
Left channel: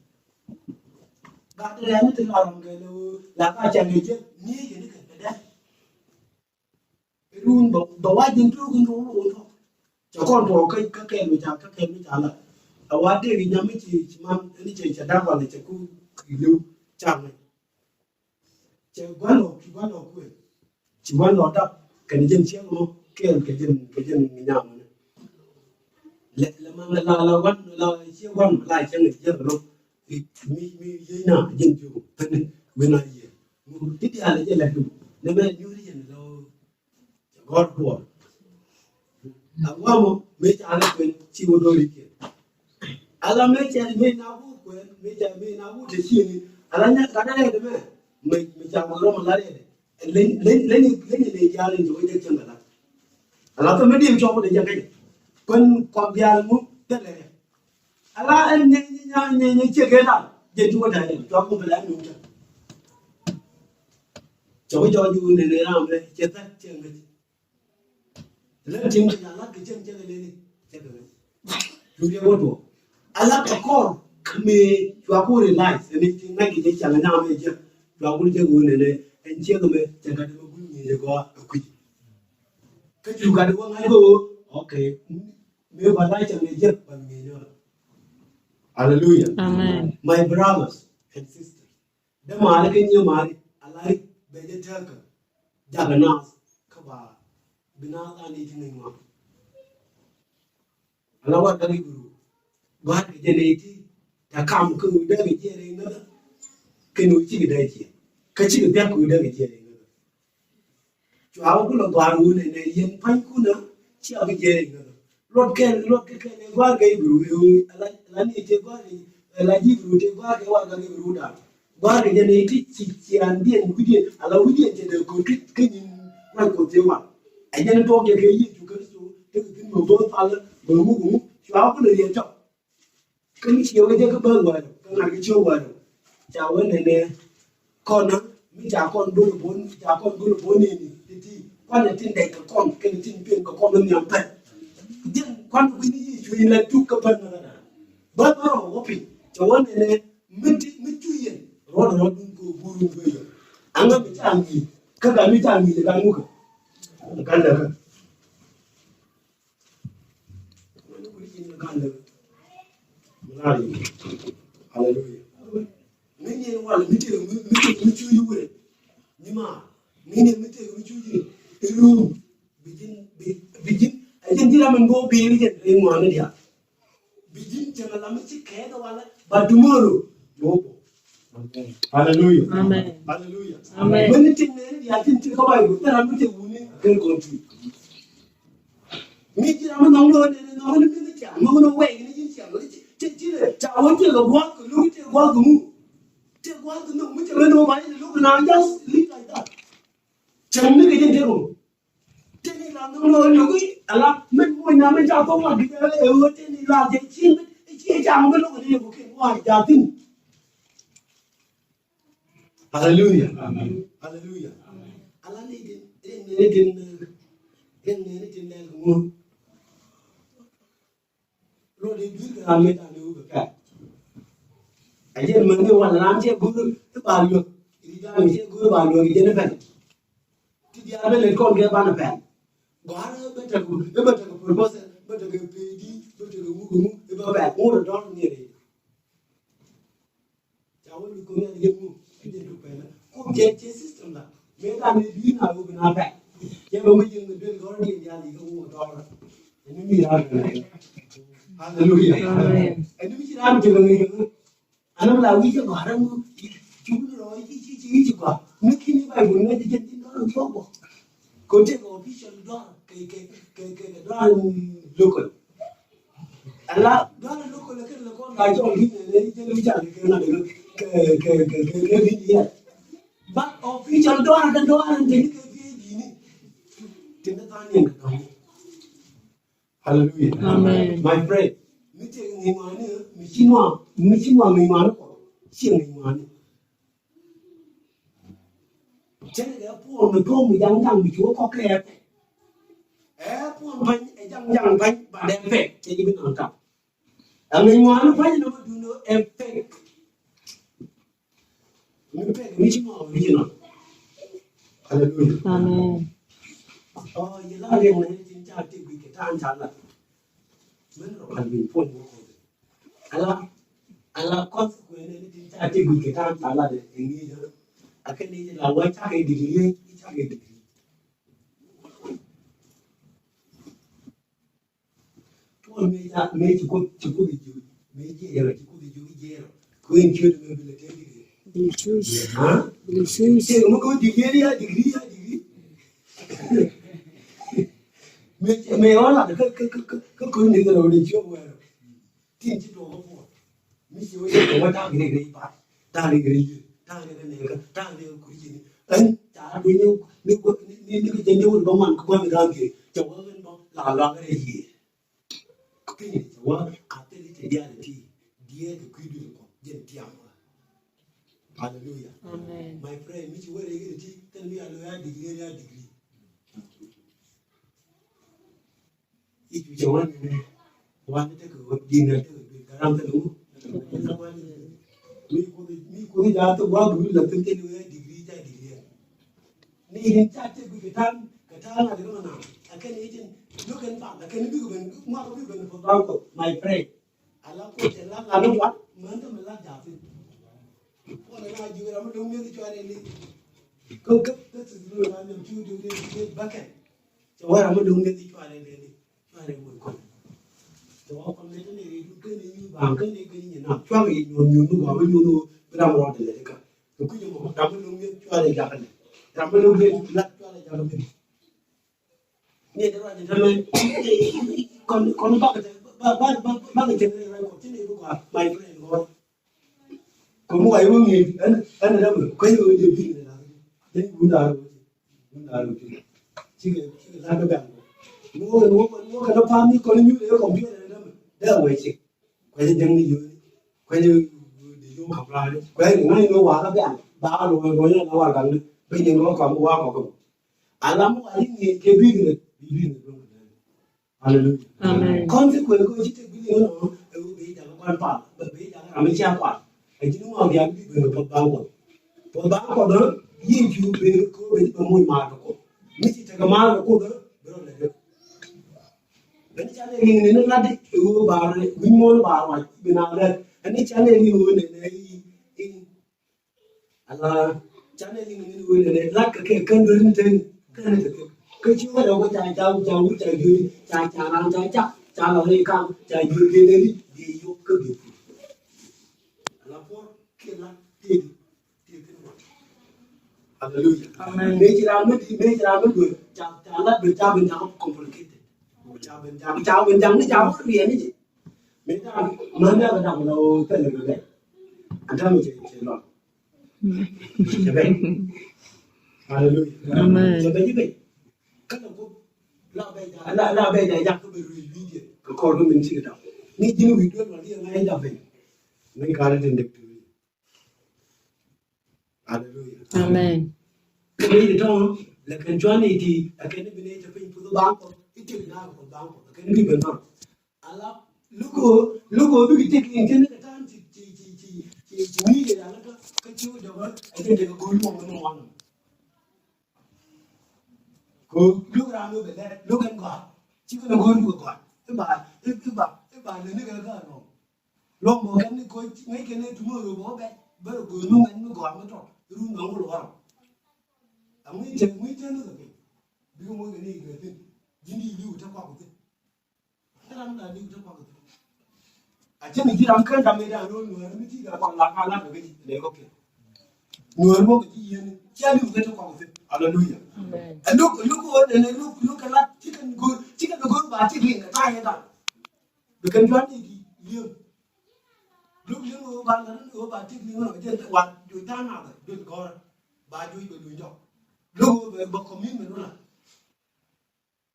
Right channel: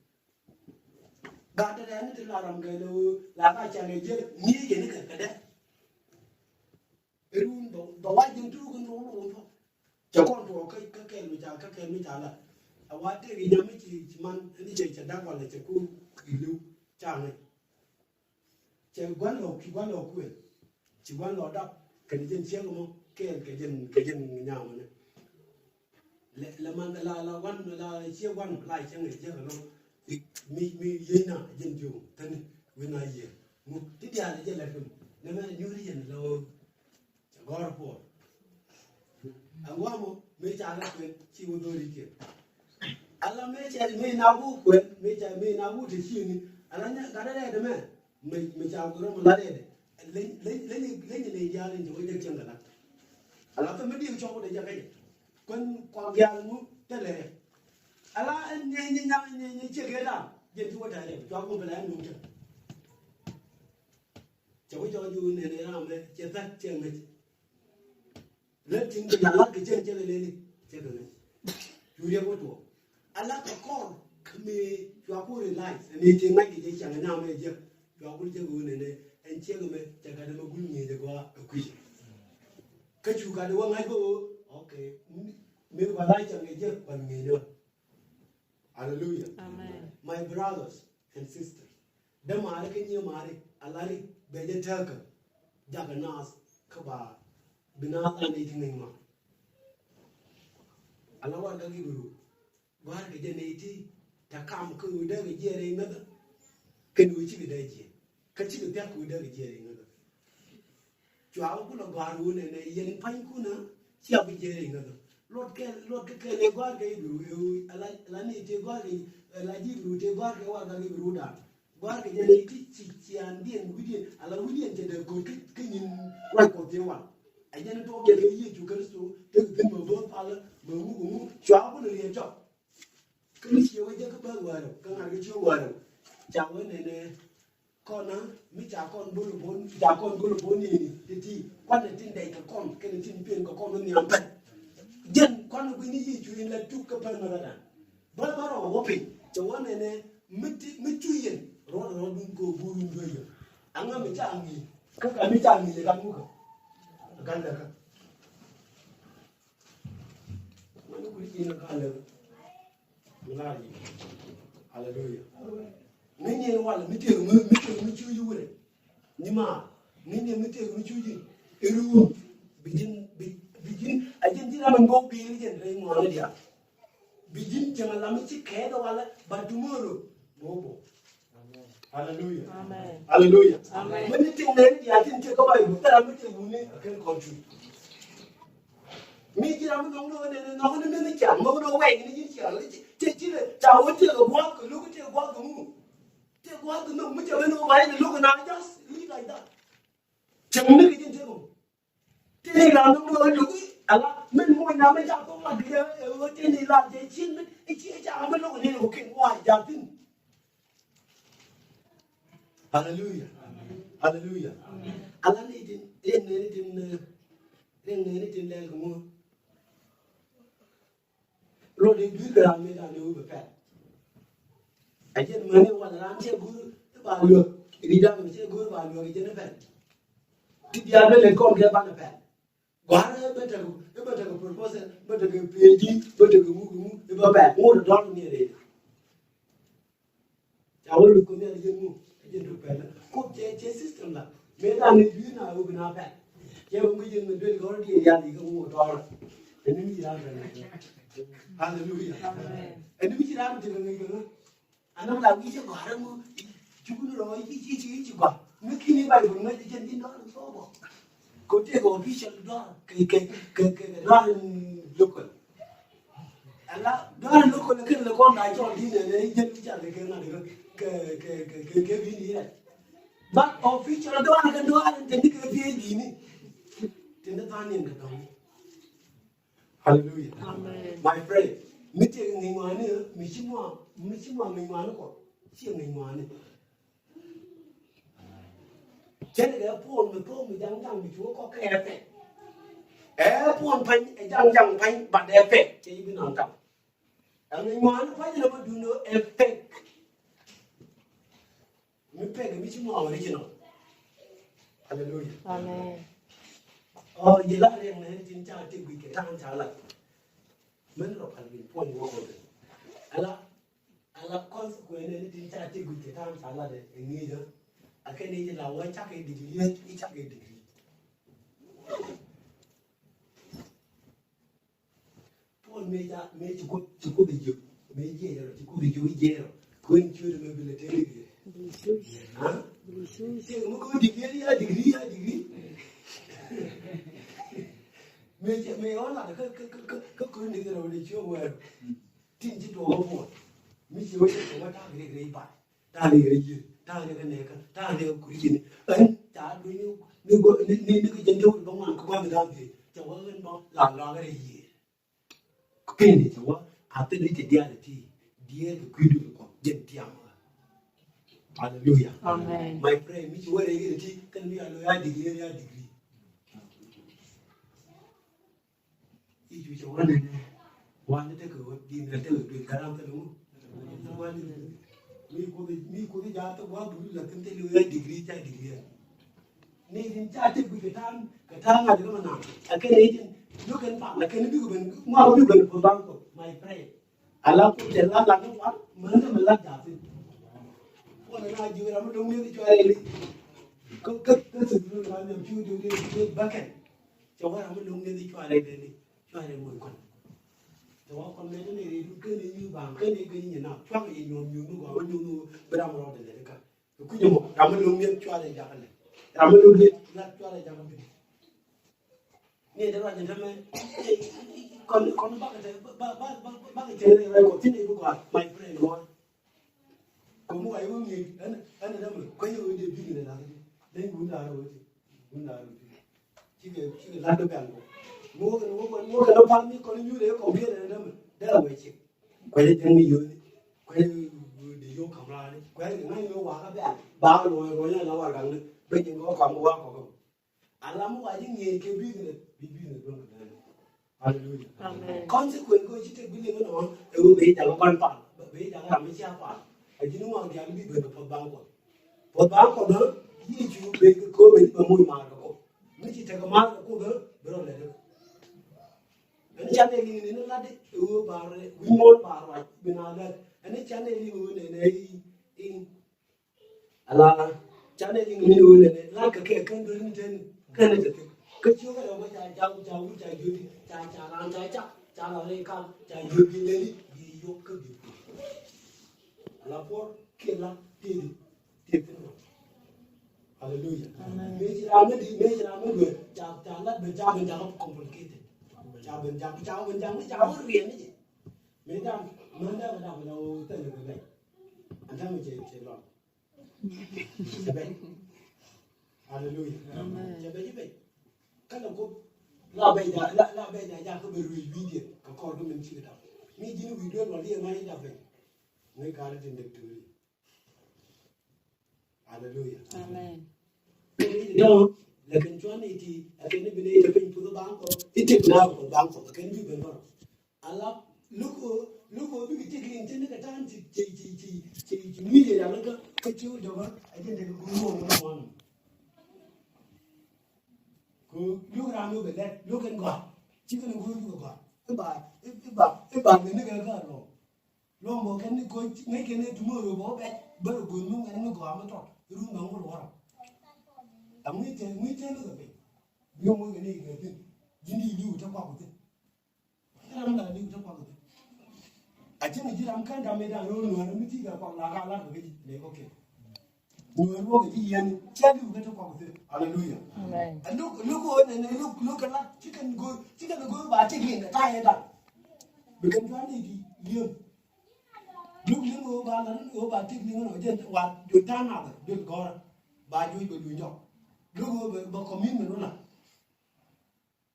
Gak ada yang itu orang kalau laka jangan je, ni jadi kerja. Erun bawa jentu kan dulu, jangan bawa ke macam lah. Awak dia ni jamai cuman ini cerita wala ceku ilu jangan. Cuman aku, cuman ada kerja siang lo. Kejen nyam la wan la che wan la che ngi che lo mi yina jen ju tane wena ye mu ti ya le je la du ne me nyuri yen lo god ko agwa mo me cha le kwen chi wo do ri ke ala me cha me na bu kwen me de chi ni ala nya ka na de me cha mo lo ma la de le ya le jo je chen la ala to me dim chomo de jaga kon ko bial mu tele ala en ne che ke na je tu da je to ko bela mu ta cho ju ne ram le che ta che me le tim ke ala ke che le che ke lu ye go to ala ka ko me to ko re lai ne che na ke che chang na me je to ko je go ne en che ko me che ka de gu ni le go ku cái chủ cả đúng ngay bố ok nếu bà lại chẳng nên giết bằng người nữa hallelujah amen my brothers and sisters đó mà là cái nhiều mà đi Allah bây giờ theo cái jaganas các bà bina ta đi thì mình mà Allah wat cái guru wat cái này thì ta kam cứ để cái gì đấy nữa cái núi chỉ cái đấy chứ cái chỉ cái cứ để cái gì đấy Chúa cũng là đoàn người này yên phanh cũng nữa, chỉ ở cái gì này nữa. Lót cái này qua cái bự, là này chơi qua cái, là gì bự chơi qua cái bự đó. Qua cái này thì chỉ ăn điện, là điện chơi được cái nhìn quay cổ chơi mà. Anh em tôi cái gì chú cái số, cái bự bự phá lên, bự cũng, Chúa cũng là liền trọng. Cái chiều cái bơ ngoài, cái này cái chiều ngoài, chào cái này con nó. Mi cha con bulu bon ni ti quan là tin đầy con cái tin tiền của con nó nhiều thật dân quan quý ni chú ý là chú cấp phân nó là bớt nó một phi cho anh này mi chú ý rồi đừng có bulu bây giờ anh em mi cha gì các cái mi cha gì là cái mua cái là cái mình quý gì nó cái là gì hallelujah Nini wala mite chú ý vậy, nhưng mà nini mite chú ý, eru bijin, ajen dia mengo beli je, mana dia, bijin jangan lama sih kayak wala, but tomorrow, bobo. Hallelujah, amen, hallelujah, amen. Mene tinggal dia ajen cakap apa itu, tapi mite uni akan kontu. Mite lama nongol ni mene cakap, nongol awak ini cakap, cakap, cakap cakap buat, lu cakap buat kamu. What no, which I know why the look now just live like that. Chẳng biết cái gì thế không? Thế này là nó look à là mình ngồi nhà mình chào không là cái thế này là cái chim cái chia chào cái lúc này một cái ngoài chào tin. Hallelujah, amen, hallelujah. Allah ni din này cũng rồi đi biết là mình đã lưu được cả. Anh chị mình như hoàn làm chị guru cái bà lược đi ra mình sẽ guru bà lược cái nó phải cái dia bên lên con kia ban là phải quá bên trong cái proposal bên trong cái PhD bên trong cái ngũ cái có vẻ mua được đó như thế cháu được cũng như mua cái gì được vẻ cũng chế system là mấy ta nên đi nào cũng nào vẻ chứ mà bây giờ người bên có đi ra thì không mua đó thế nên đi ra này hallelujah anh đi ra mình chơi người anh làm gì cho gọi đâu chú nó rồi chỉ quả nước khi như vậy mình mới đi trên nó được tốt còn chế còn cái chân đó cái đó local Allah đó local là cái là con đại cho đi này chân lui chả cái nào cái gì vậy but official đó là trên cái gì này trên đó anh em hallelujah Amen. my friend mình chơi người mà này mình xin hoa người mà nó có xin người mà này cho nên là phụ nữ cô mình đang chúa có cái ép phụ phanh đang phanh bạn đẹp phê cho như bên nào tập người ngoài nó phanh nó mới nó ép phê mình phê cái mình mua cái gì nó hallelujah Amen. vậy là cái này chính cha thì cái thằng cha là mình là phần mình phụ nữ Allah con quên này chính cha thì cái thằng cha là để nghĩ đó cái này là quay chắc cái degree chắc cái degree tôi mấy chỉ có đi chịu mấy gì là chỉ có đi chịu gì quên chưa được mấy cái thế Jesus. hả Jesus. chứ mà có degree mấy đó là cái này rồi đi chưa về tin chỉ đồ không phải mấy chỉ có cái ta cái này ba ta cái này ta cái này ta cái cái gì anh ta bây nhiêu nếu cái chân đâu bằng man có quan ra cái cho cái đó là cái gì cái này cho cái tên thì dia thì dia cái quy định của dân tiang hallelujah Amen. my friend mi chuo re cái thì cái mi alo ya degree ít chú cháu này này quan thế cái gì này thế cái làm thế đúng mi có cái giá tôi qua bự là cái tên là degree ni hiện tại thì cái thang là cái nào cái này nó cái nào là cái này biết gần của bao nhiêu my friend Allah có thể là nó quá mình là giá thì con này vừa làm đúng như cho ai đi cái sự là làm chú đi bắt cái cho ai làm đúng như cho ai đi cho ai mình con cho con này cái này như bằng cái này nào cho cái nhiều nó gọi nhiều bây giờ nó để cái cái gì mà làm đúng như cho ai giá cái làm đúng như là cho ai giá cáiนี่แต่ว่าจะทำไมคนบ้าcái chuyện này là có chuyện này cũng có mày cái này có cũng vậy luôn nhỉ anh đâu mà cái người điều gì này là đến cũng là chỉ cái làm cái bạn mua cái nó farm đi còn như thế còn biết này đâu mà đấy là vậy chứ quay lên chân đi dưới quay lên đi vô học lại quay đến ngay nó qua các bạn ba rồi nó qua gần bây giờ nó còn qua còn anh làm cái gì cái việc này hallelujah Amen. con sẽ quên cô chỉ cái gì nó bây giờ con phản bây giờ làm mấy cha phản cái gì mà cái gì cái nó bao còn đó gì chú bây cô bây giờ mua mà nó mấy chỉ cái mà nó cô đó đó là được bên cha này người nó là đấy bà này mình mua bà này bên nào đây anh ấy cha này người này là cha này người này là cái cơn đơn trên cái này cái chú bắt đầu có chạy dư chạy làm chạy chắc chạy là đi cam chạy dư kia đi vô cái gì là phố kia là tiền hallelujah Amen. mấy chỉ làm mới được chạy là được chạy bên trong complicated chạy bên trong nó cái gì ấy mấy ta mới ra bắt đầu lâu tới là cái anh thấy mình chạy lo chạy vậy hallelujah Amen. chạy vậy vậy các đồng cô là bây giờ ra cái video cái con của mình chỉ đọc ni chính video nó đi ngay đọc về ngay cả là được hallelujah Amen. cái này đó là cái chuyện này thì cái này bên đây là bên phụ bang có ít nhất là phụ bang có cái này bên đó Allah lúc bây giờ cái internet cái thằng chỉ nghĩ về là cái chú đó cái cái con nó hoàn lúc làm lúc bên đây lúc em gọi chỉ có nó gọi cái bà này nó cái gọi rồi lo mo kan ko ngai ke ne tumo ro bo be ba ro go no ngai no go am to ru no go lo ami je mi je no ke bi mo ke ni ke tin jindi li u ta kwa ko tin ram na li u ta kwa ko tin a je mi ji ram kan da me da ro no mi ti ga kwa la ka la ke le ko ke no mo ke ji yen je li u ta kwa ko tin hallelujah amen and look what and look a lot chicken go ba chicken ka ta he da bi kan jwan ni li lúc những người bạn lớn người bạn thích những người trên quạt đuổi ta nào đấy đuổi có bài đuổi bởi đuổi nhọc lúc người bậc có miếng nữa là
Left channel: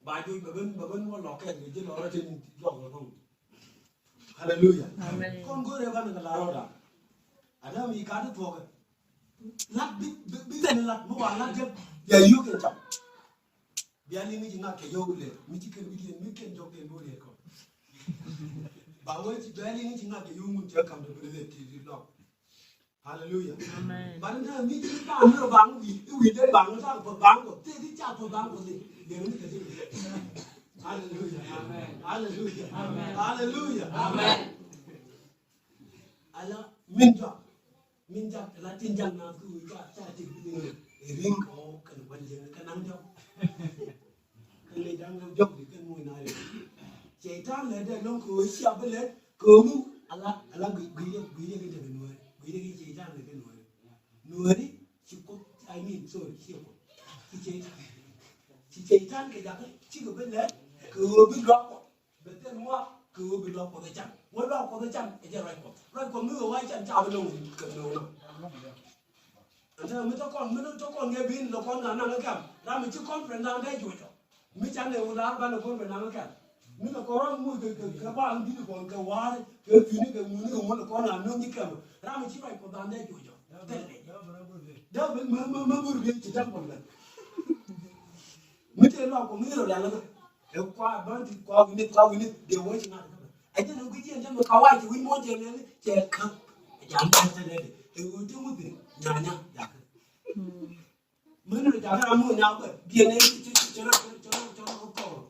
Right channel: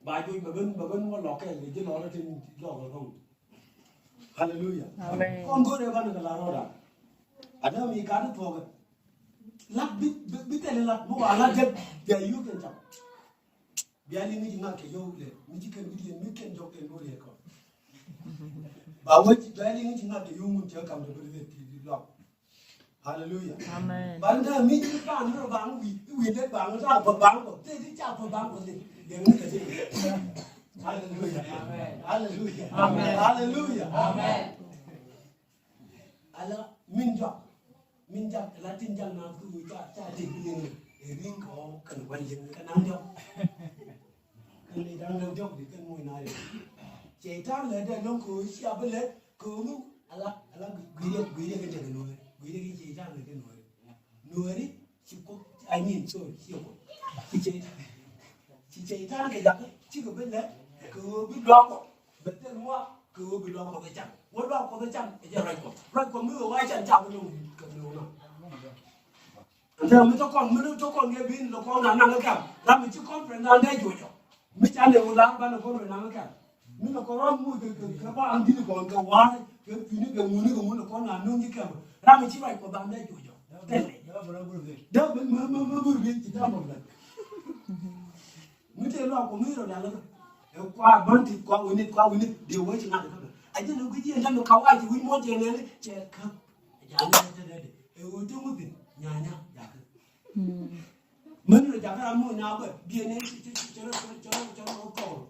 bài đuổi bởi bên có lọ kẹt người trên đó là trên lọ rồi không hallelujah con có đây bạn là rồi đó ở đây mình cá được thuộc lát biết tên là mua lát chết giờ yêu cái chậm giờ đi mình chỉ ngắt cái dâu lên mình chỉ cần mình cần dâu cái mua lên còn bảo với chị bé đi chính là để dùng mình chưa cầm được cái gì thì lo hallelujah amen bạn đây mình chỉ bạn nó bằng vì đấy bằng nó ra phần bằng của thế thì cha phần bằng của gì để nó cái gì hallelujah amen hallelujah amen hallelujah amen ala mình cho là tin rằng nào tôi cha thì cái gì để riêng có cần quan điểm cái năng nhau cái này đang đâu dốc thì cái mùi này chế tan là để nó cứ xia bên lấy cơm ala gửi cái gì nuôi gửi cái chế tan là cái nuôi đi chỉ có ai nhìn rồi hiểu chỉ chế tan cái giặc chỉ có bên lấy cứ biết lo bên tên mua cứ biết lo có cái chăn muốn lo có cái chăn cái gì rồi còn mưa ai chăn chào bên đâu cần đâu nào giờ mới cho con nghe pin là con năng cái cảm làm mình chứ con phải làm đây rồi mới chăn đều làm cái là con phải làm cái cảm mình là con mua từ các bạn đi còn cái hoa cái phí cái muốn là con làm nông như kiểu làm mình chỉ phải có làm đây rồi đó mới vừa về chỉ trong một lần mới chơi lo của mình rồi là nó qua bán thịt qua cái đều với chỉ làm được anh thấy nó cái gì anh nó khâu ai thì quý món chơi này chơi không giảm ăn chơi này thì tôi không biết nhà dạ mình là chả làm mua nhau vậy biển này cho nó cổ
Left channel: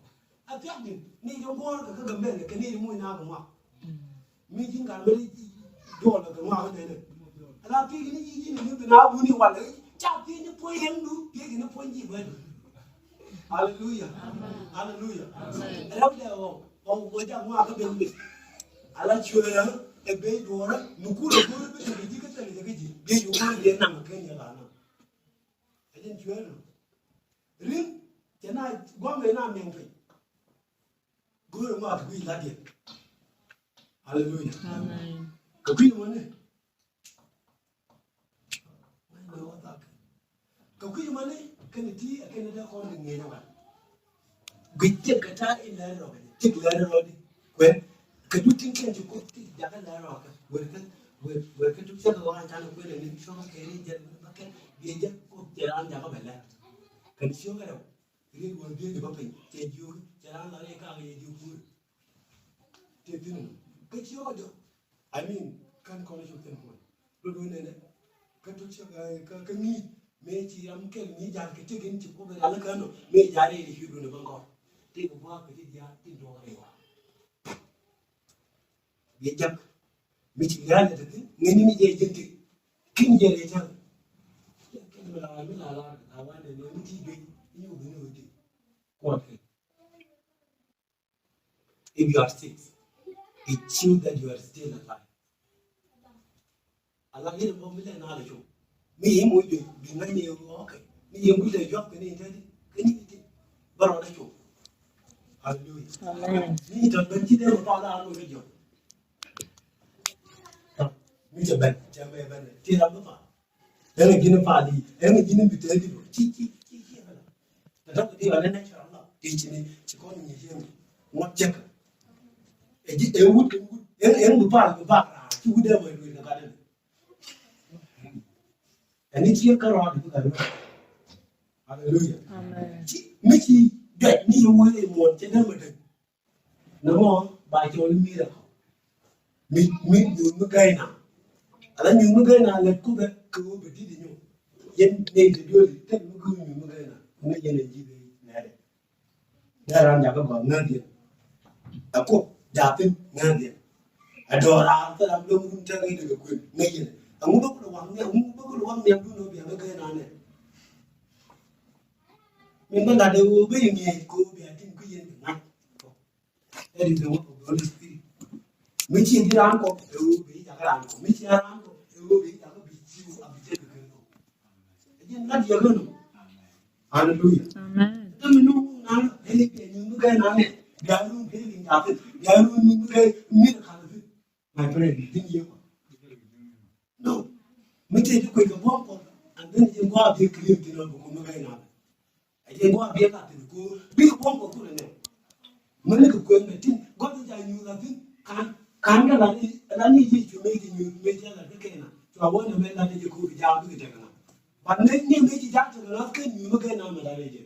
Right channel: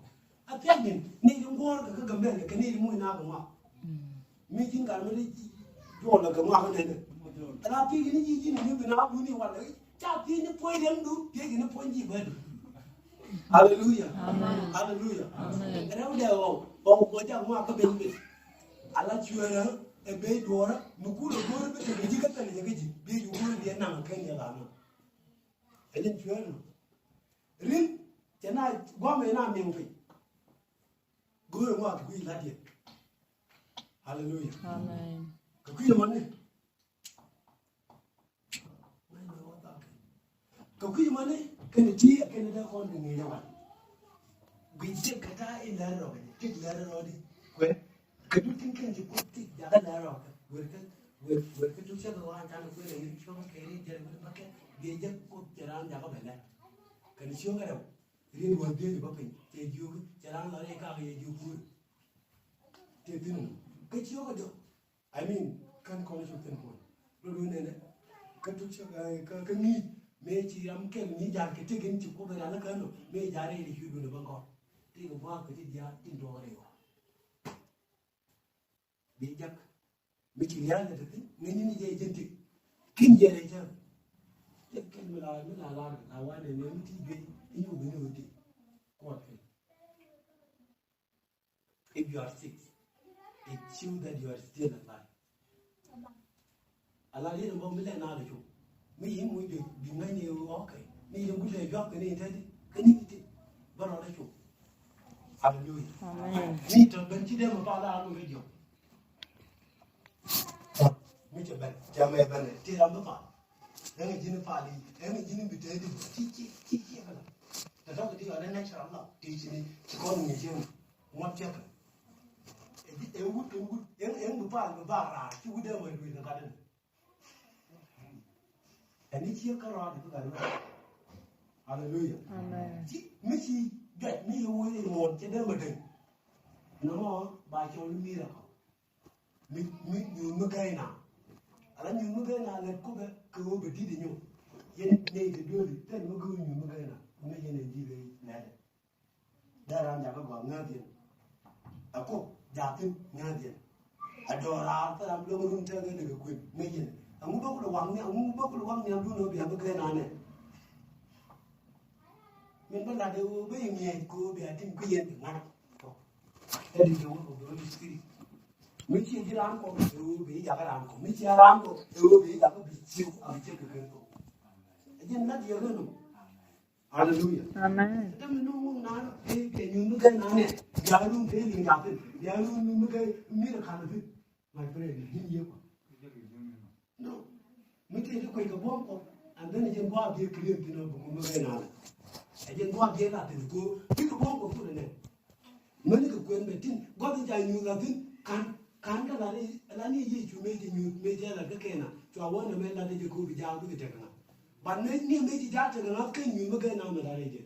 à biết mình ni trong phố cái gầm này cái ni mua nào cũng mặc mình chính cả mình đồ là cũng mặc cái này là cái gì này cái nào cũng đi qua đấy chào cái nó phơi đen đủ cái nó phơi gì vậy hallelujah amen hallelujah amen cái đó đều ông có chẳng mua cái bên ala chưa đó cái bên đồ đó nó cũng là cái gì cái gì cái dụng nó để nằm cái này là nó cái gì chưa rồi riêng cái này gom cái nào miệng phải guru mua cái gì là gì hallelujah amen cái gì mà này cái gì mà này cái này chỉ cái này đó con người nào vậy Guic cái ta in là rồi tiếc là rồi đi quên cái chút tiếng khen chỉ có tiếc đã là rồi quên cái chút sắc của anh ta nó quên là những số cái này giờ nó cái bây giờ có tiền ăn đã có phải là cái số cái đâu riêng nguồn tiền thì có phải tiền dư tiền ăn là cái gì dư vui tiền tiền cái số cái đâu I mean kan con số tiền nguồn rồi này cái chút sắc cái nghi mấy chị em cái nghi giá cái tiền chỉ có phải là cái nó mấy giá này thì hiểu được bằng con thì cũng qua cái giá tiền đồ này bây giờ mình chỉ làm được thế nghe mình dễ dàng thì kinh dễ đấy chứ cái mình làm quan để mình chỉ biết nhiều người thì Kuothɛ if you are sick it shows that you are still alive Allah đi đâu mới lại nào được chung mình hiểu mỗi việc vì mấy nhiều ok mình hiểu cái lời job cái này thế cái gì thế bắt đầu đấy chung hallelujah amen mình thật bên chỉ để mà to ra luôn bây giờ mình chỉ bên cha mẹ bên này thì làm nó phải em chỉ nó phải đi em chỉ nó bị thế đi chi mà đó thì là nên sao đó thì chỉ có người riêng ngót chắc em chỉ em hút em bị phạt ra chú đeo về người ta cái này em chỉ có rồi thì cái này hallelujah amen mấy chi đẹp nhiều người một trên đó mà đừng nó ngon bài cho linh mi được mình dùng cái cây nào là những cái nào là cũng được cứ bị đi nhiều dân này thì đưa thì tất nó cứ những cái nào nó dân này gì này để làm nhà các bạn ngang tiền à cô giả tin ngang tiền adora ta am do mun ta ngi daga ko ngi ne amu ba ko wang ne amu ba ko wang ne du no bi am ga na ne min ba da wo be ni ko bi atin ku yen na ta di do ko do spirit mi chi di ran ko do bi ja ga ran ko mi chi ran ko do bi ja ko bi chi am che do ko ajin na di ga no hallelujah Amen. ta mi no na e ke ni ga na ne ga lu be ni ga te ga lu ni ga mi ka na bi my friend din ye no mi te ko ga bo ko and then je go abi clear di no ko mi ga na je go abi ka te ko bi ko ko ko ne mình cứ quên về tin có cái dài nhiều là tin can cái là ni gì chúng mình thì nhiều mình là cái kia nào cho bọn mình là cái cô bị giao cái cái nào và nếu như mấy chị giao thì nó cái nhiều cái nào mà là cái gì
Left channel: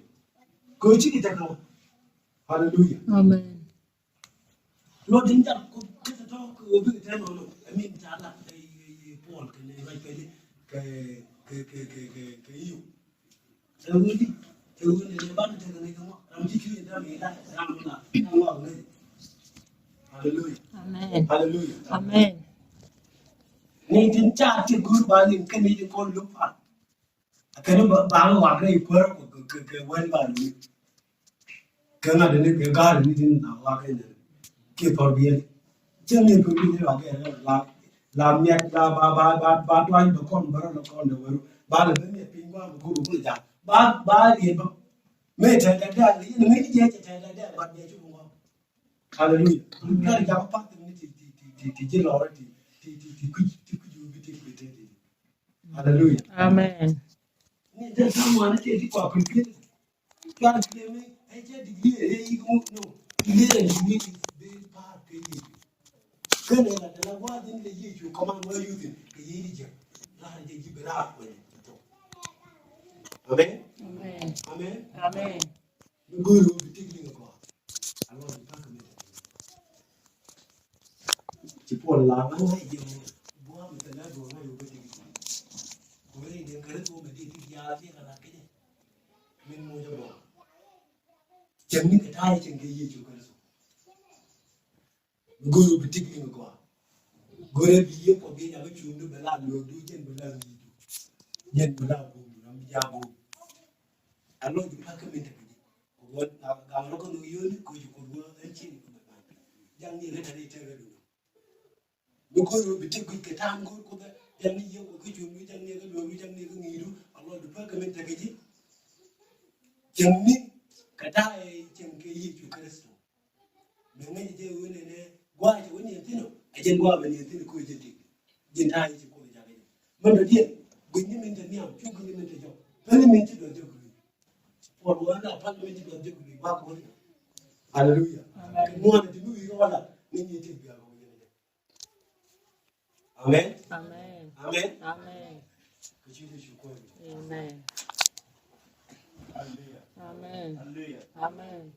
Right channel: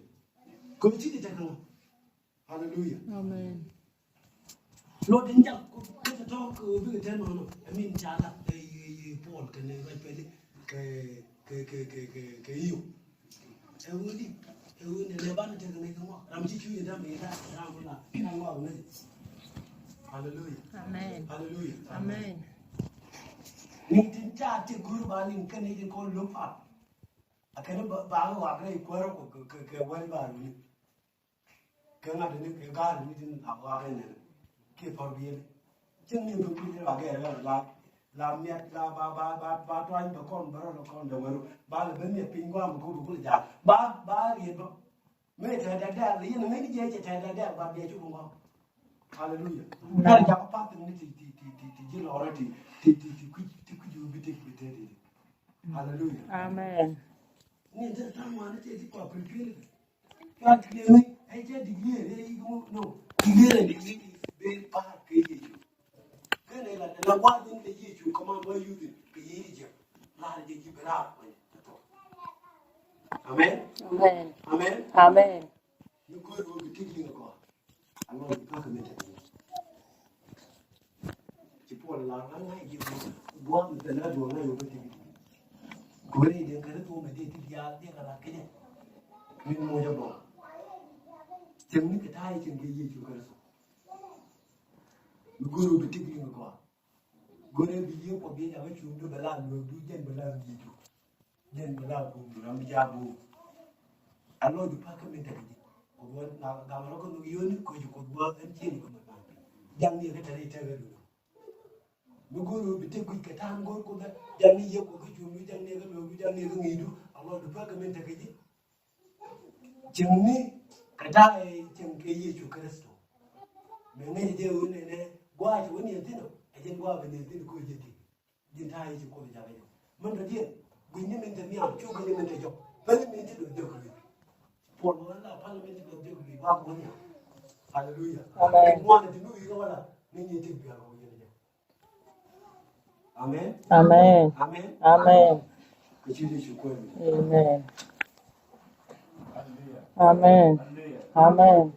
cô chỉ cái nào hallelujah Amen. lo tin chắc cái đó cô biết cái nào nó mình trả lại cái Paul cái này cái yêu ne ban te ne ko am ci ci da mi da am la Allah ne hallelujah Amen. hallelujah Amen. ni tin cha ti gur ba ni kan ni ko lu fa kan ba wa ga ko ko wen ba ni kan na ne ke ga ni tin na wa ga ne ke tor bi chen ni ko ni wa ga la mi la ba twa ba kon ba ro kon da wa ba le ne pin wa ko ko ja ba ri ba me ta da ni me ni je ta da ba de chu ba hallelujah ta ja pa ni ti je lo ti ku ju bi ti te hallelujah Amen. ni da samu na ce ti kwa prepare ka ne ne ai je di ye yi mu no di ye ni be pa ke yi ke ne na wa din de yi chu kama mo yu din ke yi je la je ji bra ko amen Amen. amen Amen. guru bi ti ni ko alo di pa ke ne chỉ có là nó hay gì bố mình phải nói đùa ngay một cái gì cố lên đến cái tôi mình đi đi ra chứ là cái này mình mua cho bò chẳng những cái thai chẳng cái gì chú cái số guru bị tích lên quoi guru bị yêu có biết là cái chú nó phải làm được đi chân phải làm gì được nhân phải làm bùn làm ra bùn alo được cái mình thấy gì còn làm nó có người yêu nữa coi chú có anh chị của mình làm chẳng như cái này chơi được guru bi tegui ke tam gor ko janni ye ko jumi janni ga lobi janni ga ngidu Allah du baka men tage ji janni kada e janke ye ju kristo me ngi je woni ne gwa ji woni tino e jen gwa be ni tino ko jeti jin ta yi ko ja ga man da die gunni men da niya chu gunni men da jo bali men ti do jo ko por wala pan men ti do jo ko ba ko ni hallelujah Amen. mo ne ti nu yi wala ni ni ti bi amen Amen. amen Amen. kachini shukrani Amen. hallelujah Amen. hallelujah Amen.